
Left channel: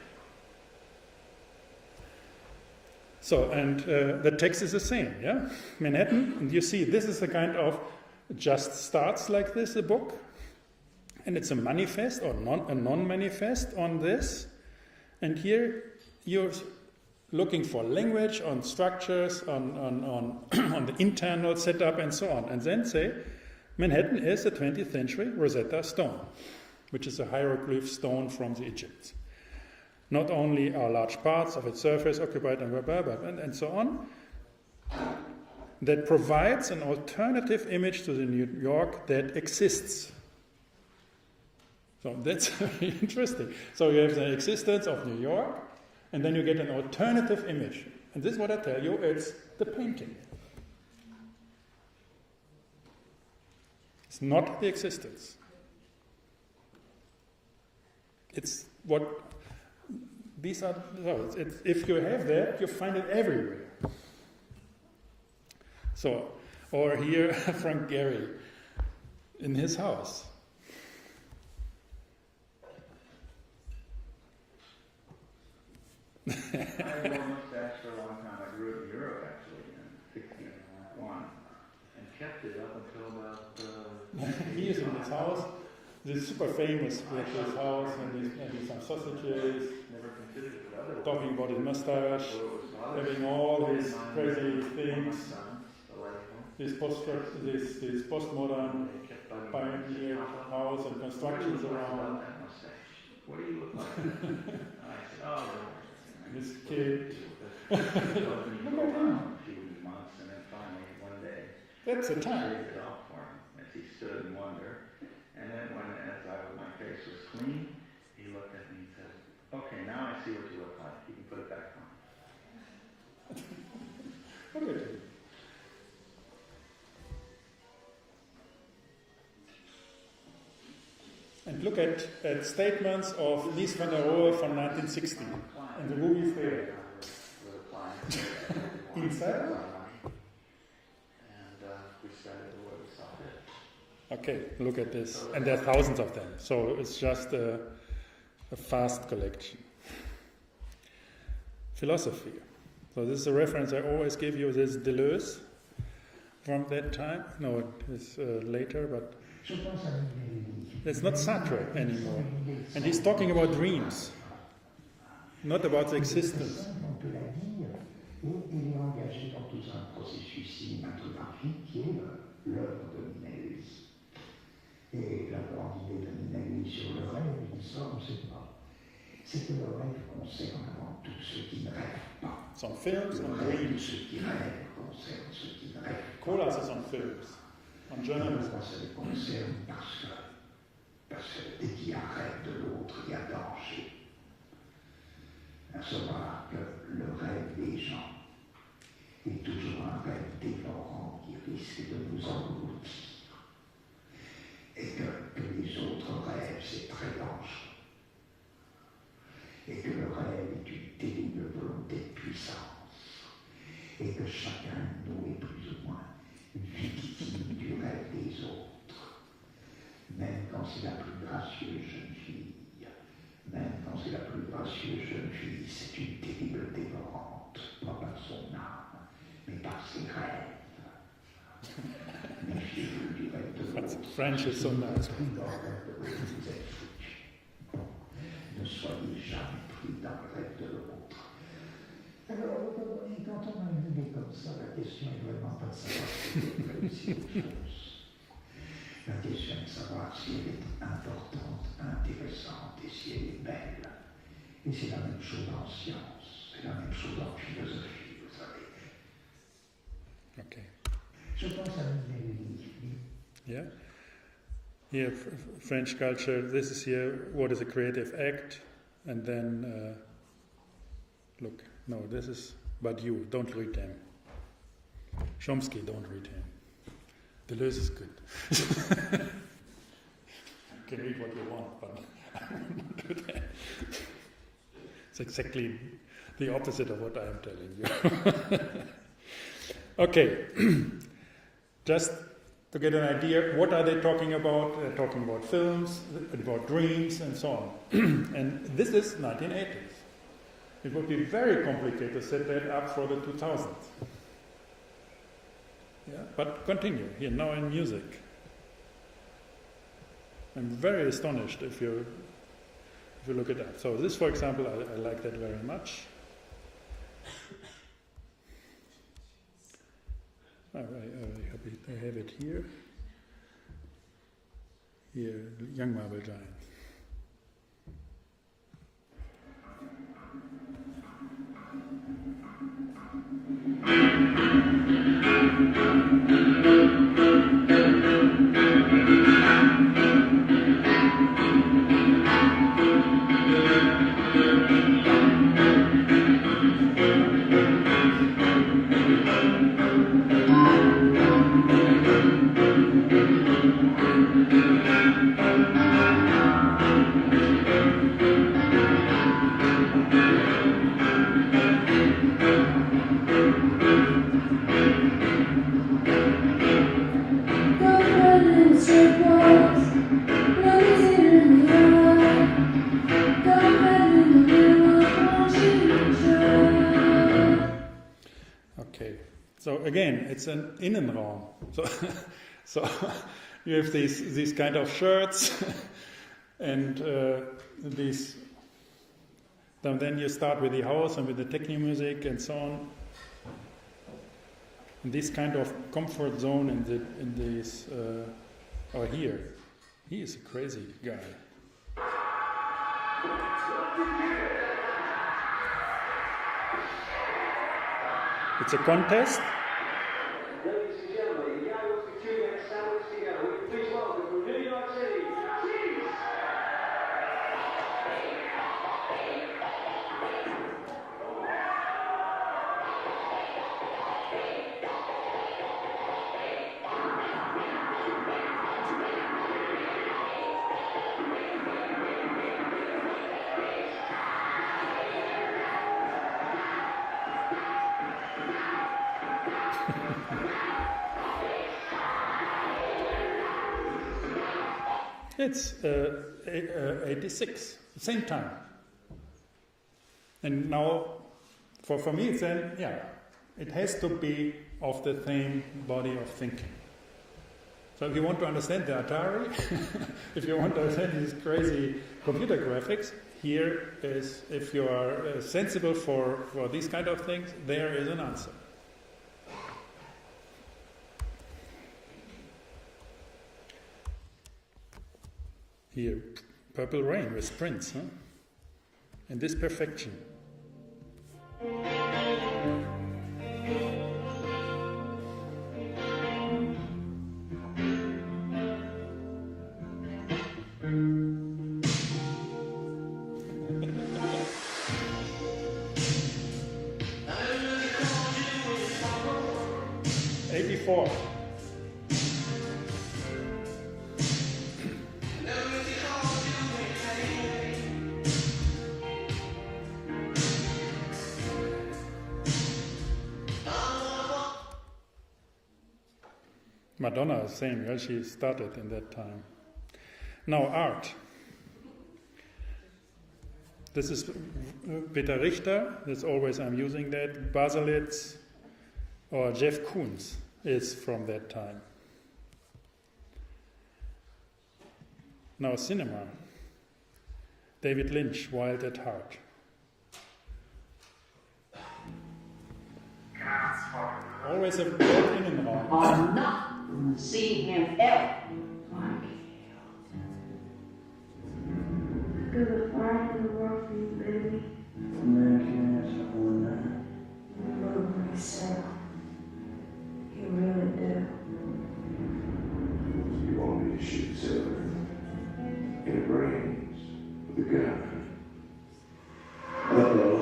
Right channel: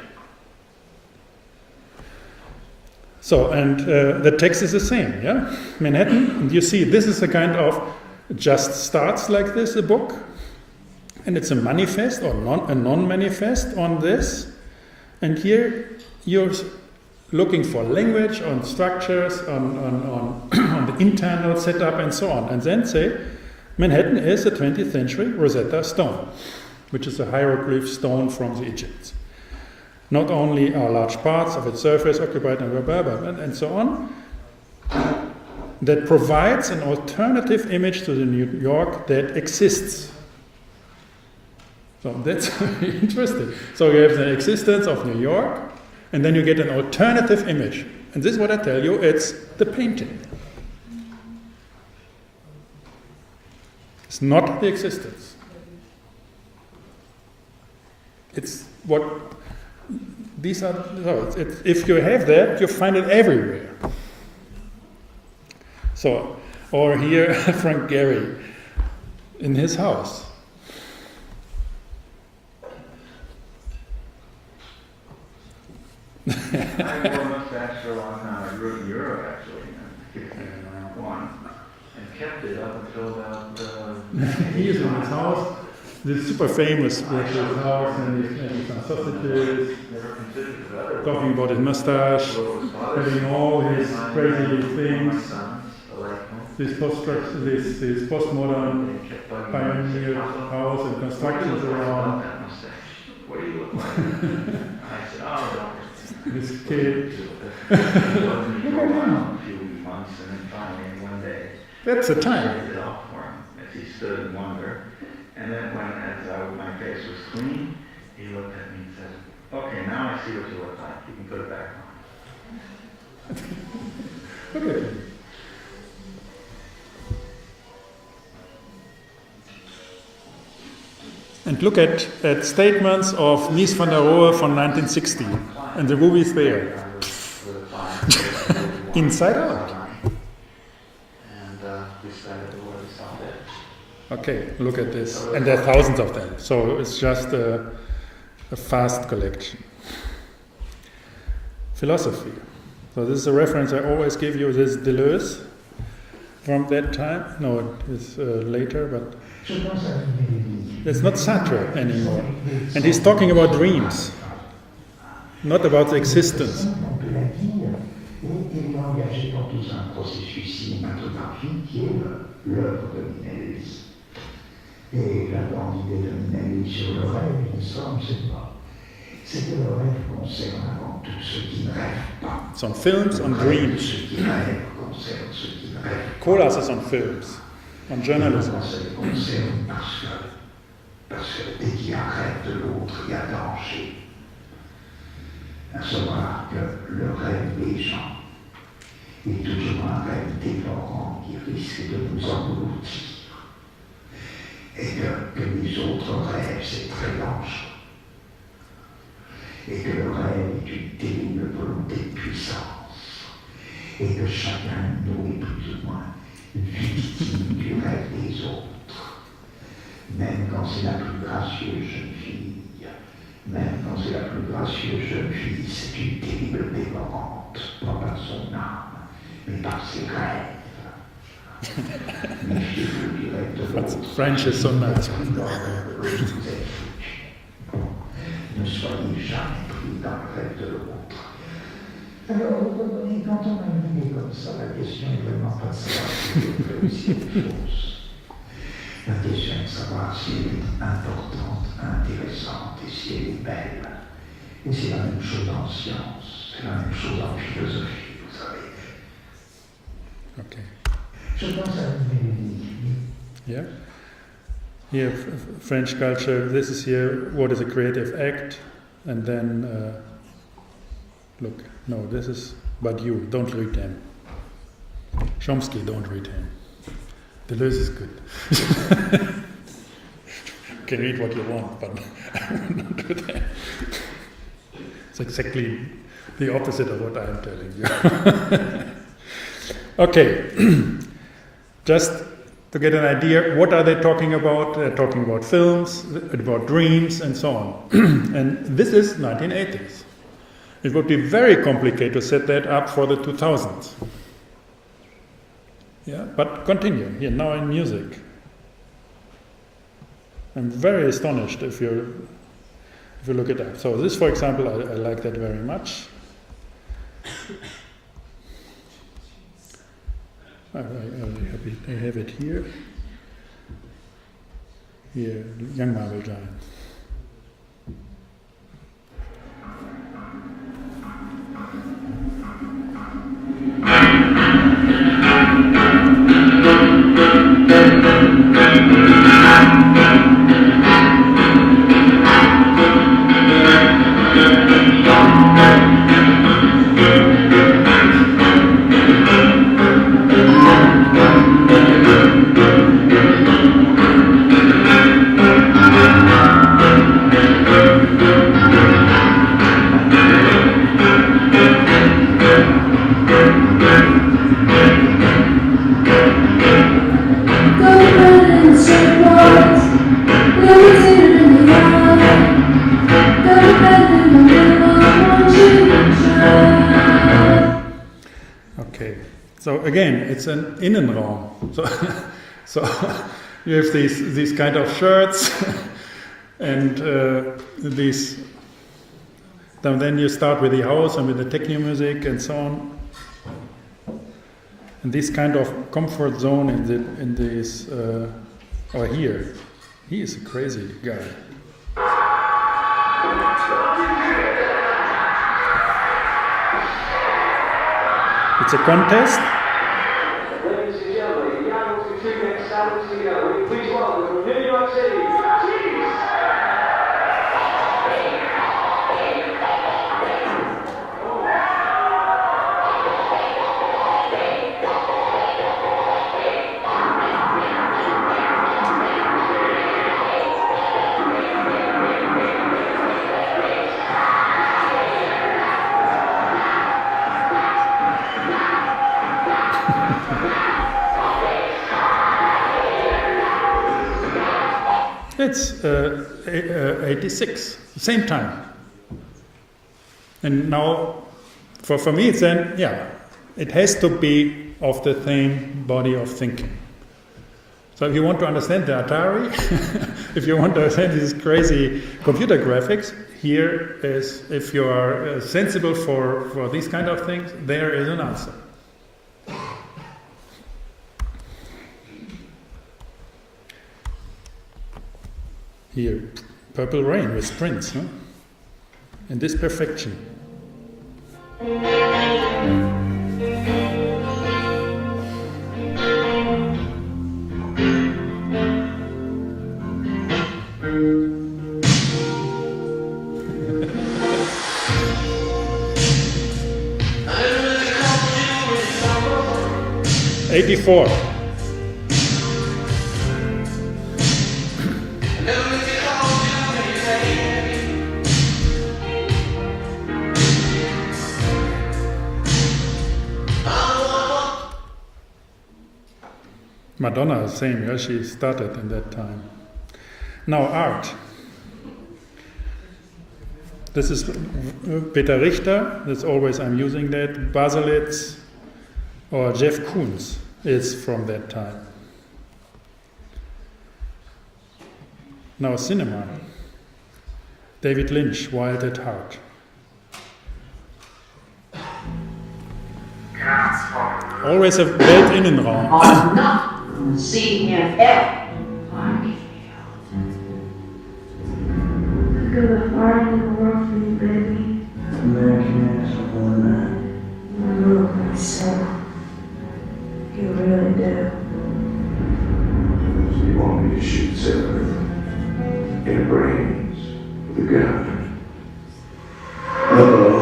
So, and the text is the same, yeah? Manhattan, and you see, this is a kind of, just starts like this, a book, and it's a manifest or a non-manifest on this, and here you're looking for language, on structures, on the internal setup, and so on, and then say, Manhattan is a 20th century Rosetta Stone, which is a hieroglyph stone from the Egypts. Not only are large parts of its surface occupied and so on, that provides an alternative image to the New York that exists. So that's very interesting. So you have the existence of New York, and then you get an alternative image. And this is what I tell you, it's the painting. It's not the existence. It's what... These are, if you have that, you find it everywhere. So, or here, Frank Gehry, in his house. I wore a mustache for a long time. I grew up in Europe, actually, in 1961, and kept it up until about... He is in his house. This is super famous with his house and some sausages, talking about his mustache, having all his crazy things, this postmodern pioneer house and constructions around. What do you look like? I said, oh, This kid. Look at him. A few months, and then finally one day, That's the I time. did it all for him as he stood in wonder. And then my face was clean, he looked at me and said, okay, now I see what you look like. You can put it back on. Look at him. And look at statements of Mies van der Rohe from 1960, and the movies there. fine. Inside out. And we started to where we stopped it. Okay, look at this. And there are thousands of them. So it's just a fast collection. Philosophy. So this is a reference I always give you. This is Deleuze from that time. No, it is later, but it's not Sartre anymore. And he's talking about dreams, not about existence. Et la grande idée de Minelli sur le rêve, l'histoire, on ne sait pas. C'est que le rêve concerne avant tout ceux qui ne rêvent pas. It's on films, on dreams. Ceux qui rêvent concerne ceux qui ne rêvent pas. Colas is on films, on journalism. Ça les concerne parce que dès qu'il y a un rêve de l'autre, il y a danger. À savoir que le rêve des gens est toujours un rêve dévorant qui risque de nous engloutir. Et que les autres rêves, c'est très dangereux. Et que le rêve est une terrible volonté de puissance. Et que chacun de nous est plus ou moins victime du rêve des autres. Même quand c'est la plus gracieuse jeune fille, même quand c'est la plus gracieuse jeune fille, c'est une terrible dévorante, pas par son âme, mais par ses rêves. French is so nice. Ne soyez jamais pris dans le rêve de l'autre. Alors, quand on a une idée comme ça, la question est vraiment pas de savoir si elle est vraie ou si elle est fausse. La question est de savoir si elle est importante, intéressante et si elle est belle. Et c'est la même chose en science, c'est la même chose en philosophie, vous savez. Okay. Je pense à une mélodie. Yeah. Here, French culture. This is here. What is a creative act? And then, look. No, this is. But you don't read him. Chomsky, don't read him. Deleuze is good. You can read what you want, but I will not do that. It's exactly the opposite of what I am telling you. Okay. Just to get an idea, what are they talking about? They're talking about films, about dreams, and so on. And this is 1980s. It would be very complicated to set that up for the 2000s. Yeah, but continue here now in music. I'm very astonished if you look it up. So this, for example, I like that very much. I have it here. Here, Young Marble Giants. So again, it's an Innenraum. So you have these kind of shirts, and these. Then you start with the house and with the techno music and so on. And this kind of comfort zone in this. Or here, he is a crazy guy. It's a contest. Ladies and gentlemen, the Young Student Salute together. Please welcome from New York City, Cheese! It's 86, same time. And now, for me, it's then, yeah, it has to be of the same body of thinking. So if you want to understand the Atari, if you want to understand these crazy computer graphics, here is, if you are sensible for these kind of things, there is an answer. Here, Purple Rain with Prince, huh? In this perfection. '84. Madonna, same, yeah, she started in that time. Now art. This is Peter Richter, that's always I'm using that. Baselitz or Jeff Koons is from that time. Now cinema. David Lynch, Wild at Heart. Always a Weltinnenraum. See him ever. Look at the fire in the world for you, baby. American ass for man. You love me so. You really do. So you want me to shoot Sarah in the brains with a gun? Uh-oh.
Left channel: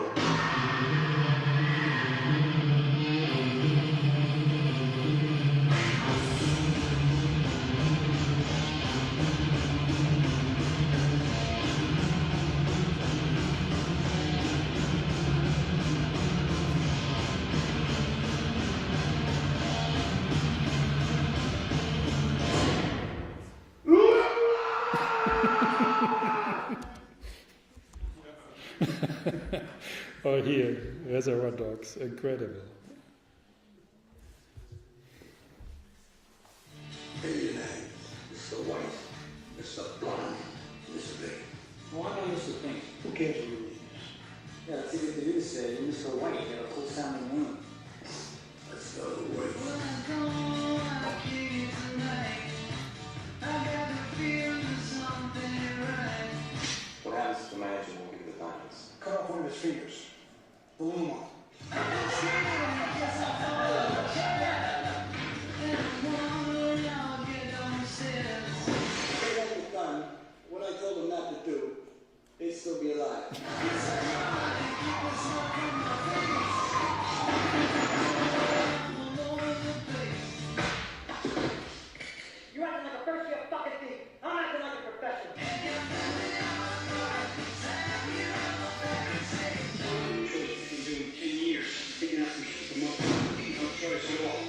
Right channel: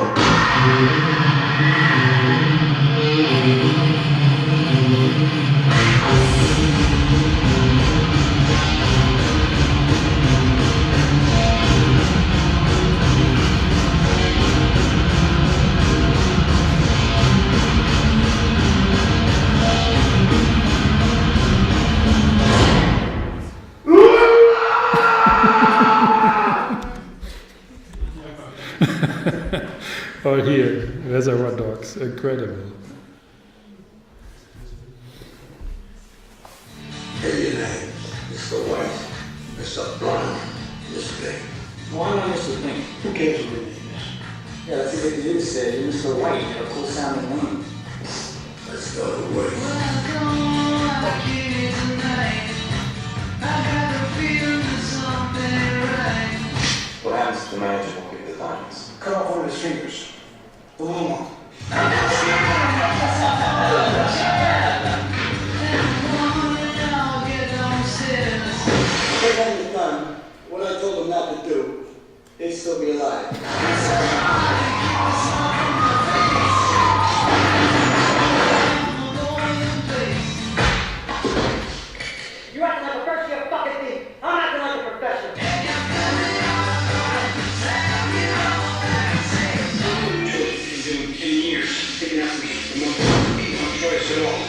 Or here, Reservoir Dogs, incredible. Hey, your name, Mr. White, Mr. Blonde, Mr. Pink. Why not Mr. Pink? Who cares what your name is? Yeah, that's a good thing to say. You're Mr. White. You have a cool sounding name. Let's go away. What happens if the manager won't give you the diamonds? Cut off one of his fingers. The little one. If they hadn't done what I told them not to do, they'd still be alive. You're acting like a person, you fucking thief. I'm acting like a professional. In 10 years, taking out no choice at all.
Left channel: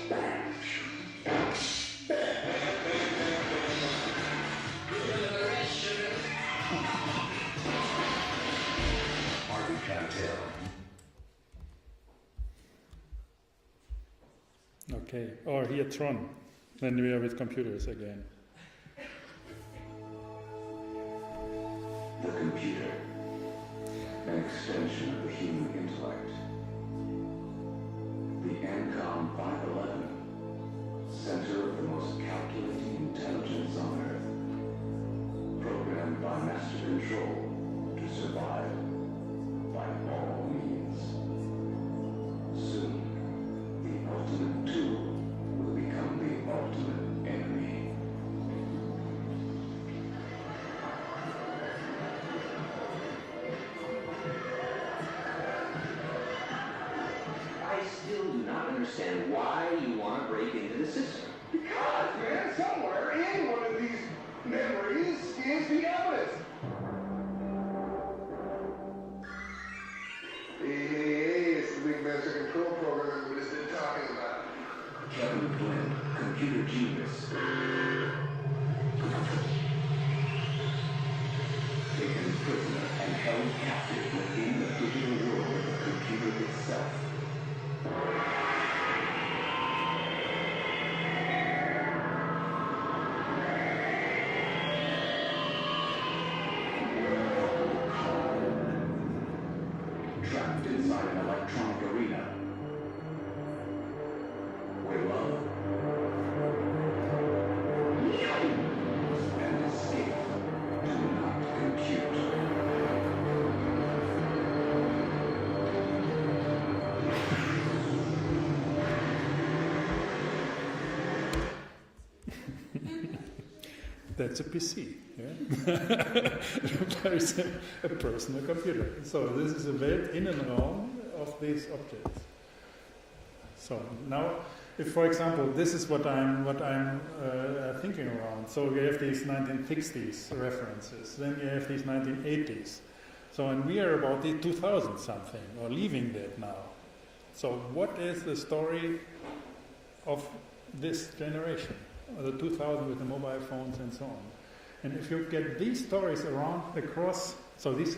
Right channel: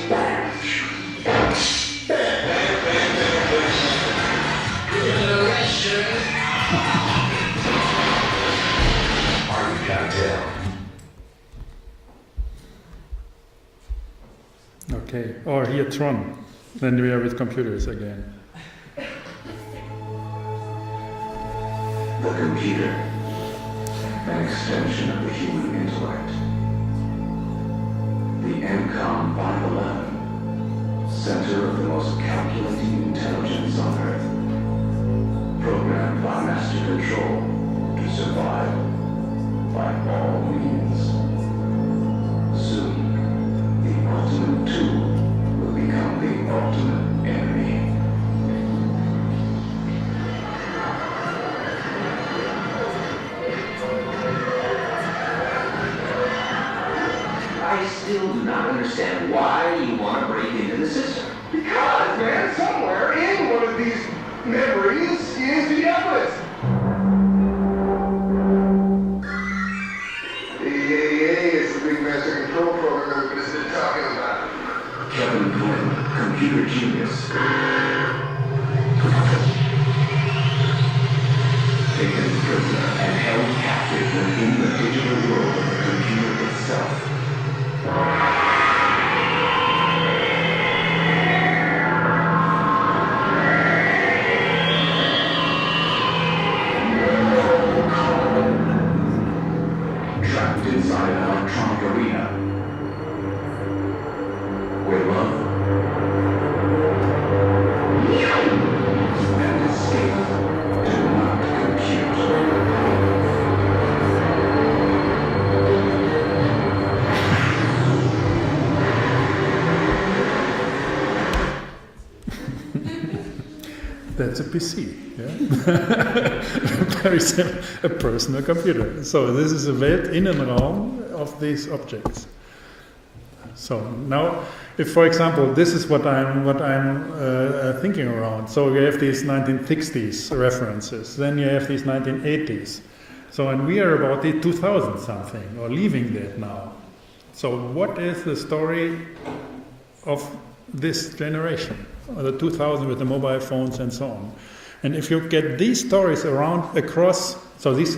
Army cocktail. Okay, or here Tron. Then we are with computers again. The computer, an extension of the human intellect. The MCOM 511, center of the most calculating intelligence on Earth, programmed by master control to survive by all means. Soon, the ultimate tool will become the ultimate enemy. I still do not understand why you want to break into the system. Because, man, somewhere in one of these memories is the evidence. The EAA is the big master control program everybody's been talking about. Kevin Flynn, computer genius. Taken prisoner and held captive within the digital world of the computer itself. Trapped inside an electronic arena where love and escape do not compute. That's a PC, yeah? Very simple, a personal computer. So this is a Weltinnenraum of these objects. So now, if for example, this is what I'm thinking around. So you have these 1960s references, then you have these 1980s. So and we are about the 2000 something, or leaving that now. So what is the story of this generation? The 2000 with the mobile phones and so on. And if you get these stories around across, so these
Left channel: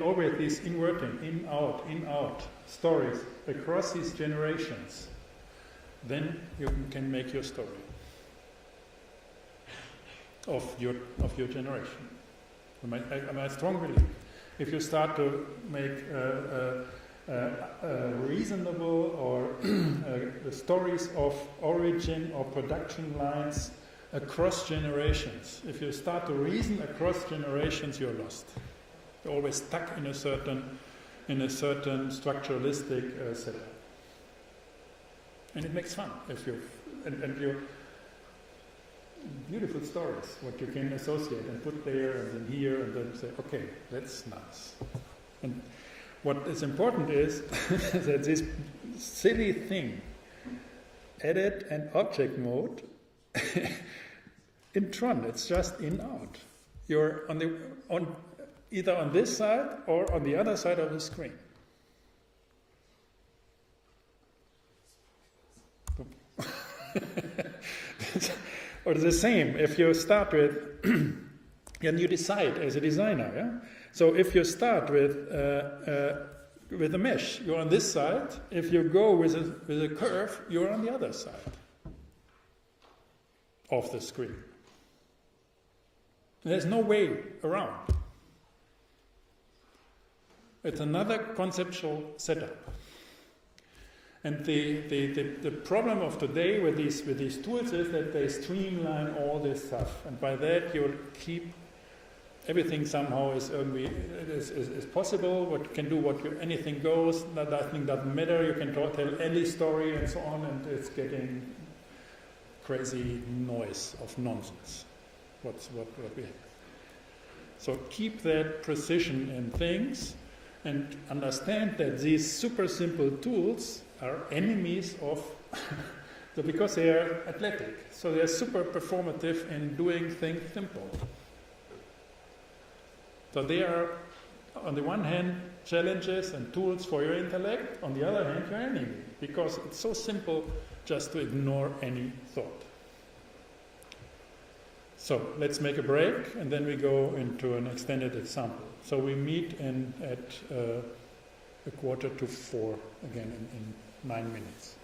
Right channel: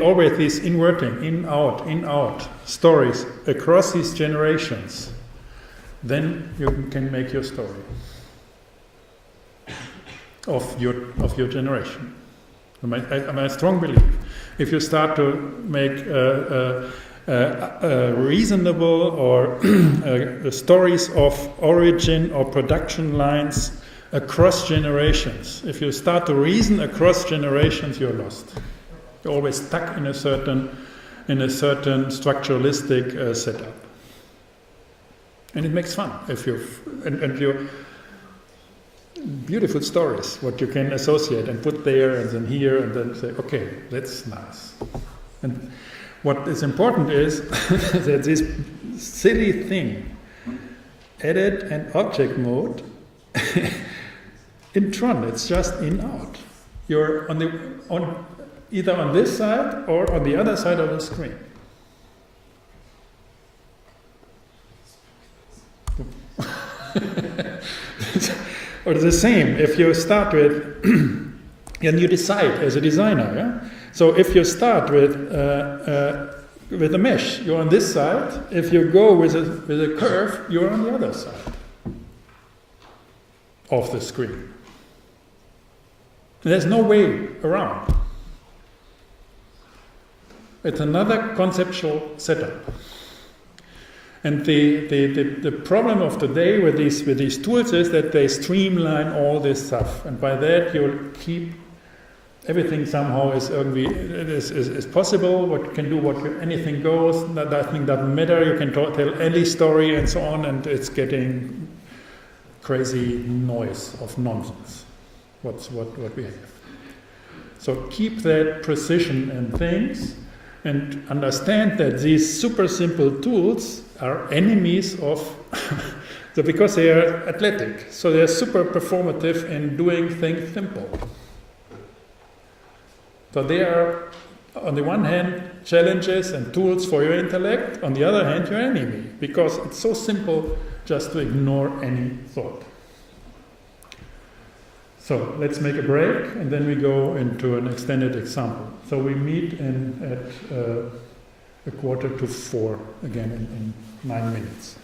always these inverting, in, out stories across these generations, then you can make your story of your generation. I strong belief. If you start to make reasonable or stories of origin or production lines across generations. If you start to reason across generations, you're lost. You're always stuck in a certain structuralistic setup, and it makes fun if you beautiful stories what you can associate and put there and then here and then say, okay, that's nice. And what is important is that this silly thing, edit and object mode, in Tron, it's just in out. You're either on this side or on the other side of the screen. Or the same, if you start with, and you decide as a designer, yeah? So if you start with a mesh, you're on this side. If you go with a curve, you're on the other side of the screen. There's no way around. It's another conceptual setup. And the problem of today with these tools is that they streamline all this stuff, and by that you'll keep everything somehow is possible. What you can do, anything goes. Nothing doesn't matter. You can tell any story and so on, and it's getting crazy noise of nonsense. What we have. So keep that precision in things, and understand that these super simple tools are enemies of, because they are athletic. So they are super performative in doing things simple. So they are, on the one hand, challenges and tools for your intellect, on the other hand, your enemy, because it's so simple just to ignore any thought. So let's make a break, and then we go into an extended example. So we meet at 3:45 again in 9 minutes.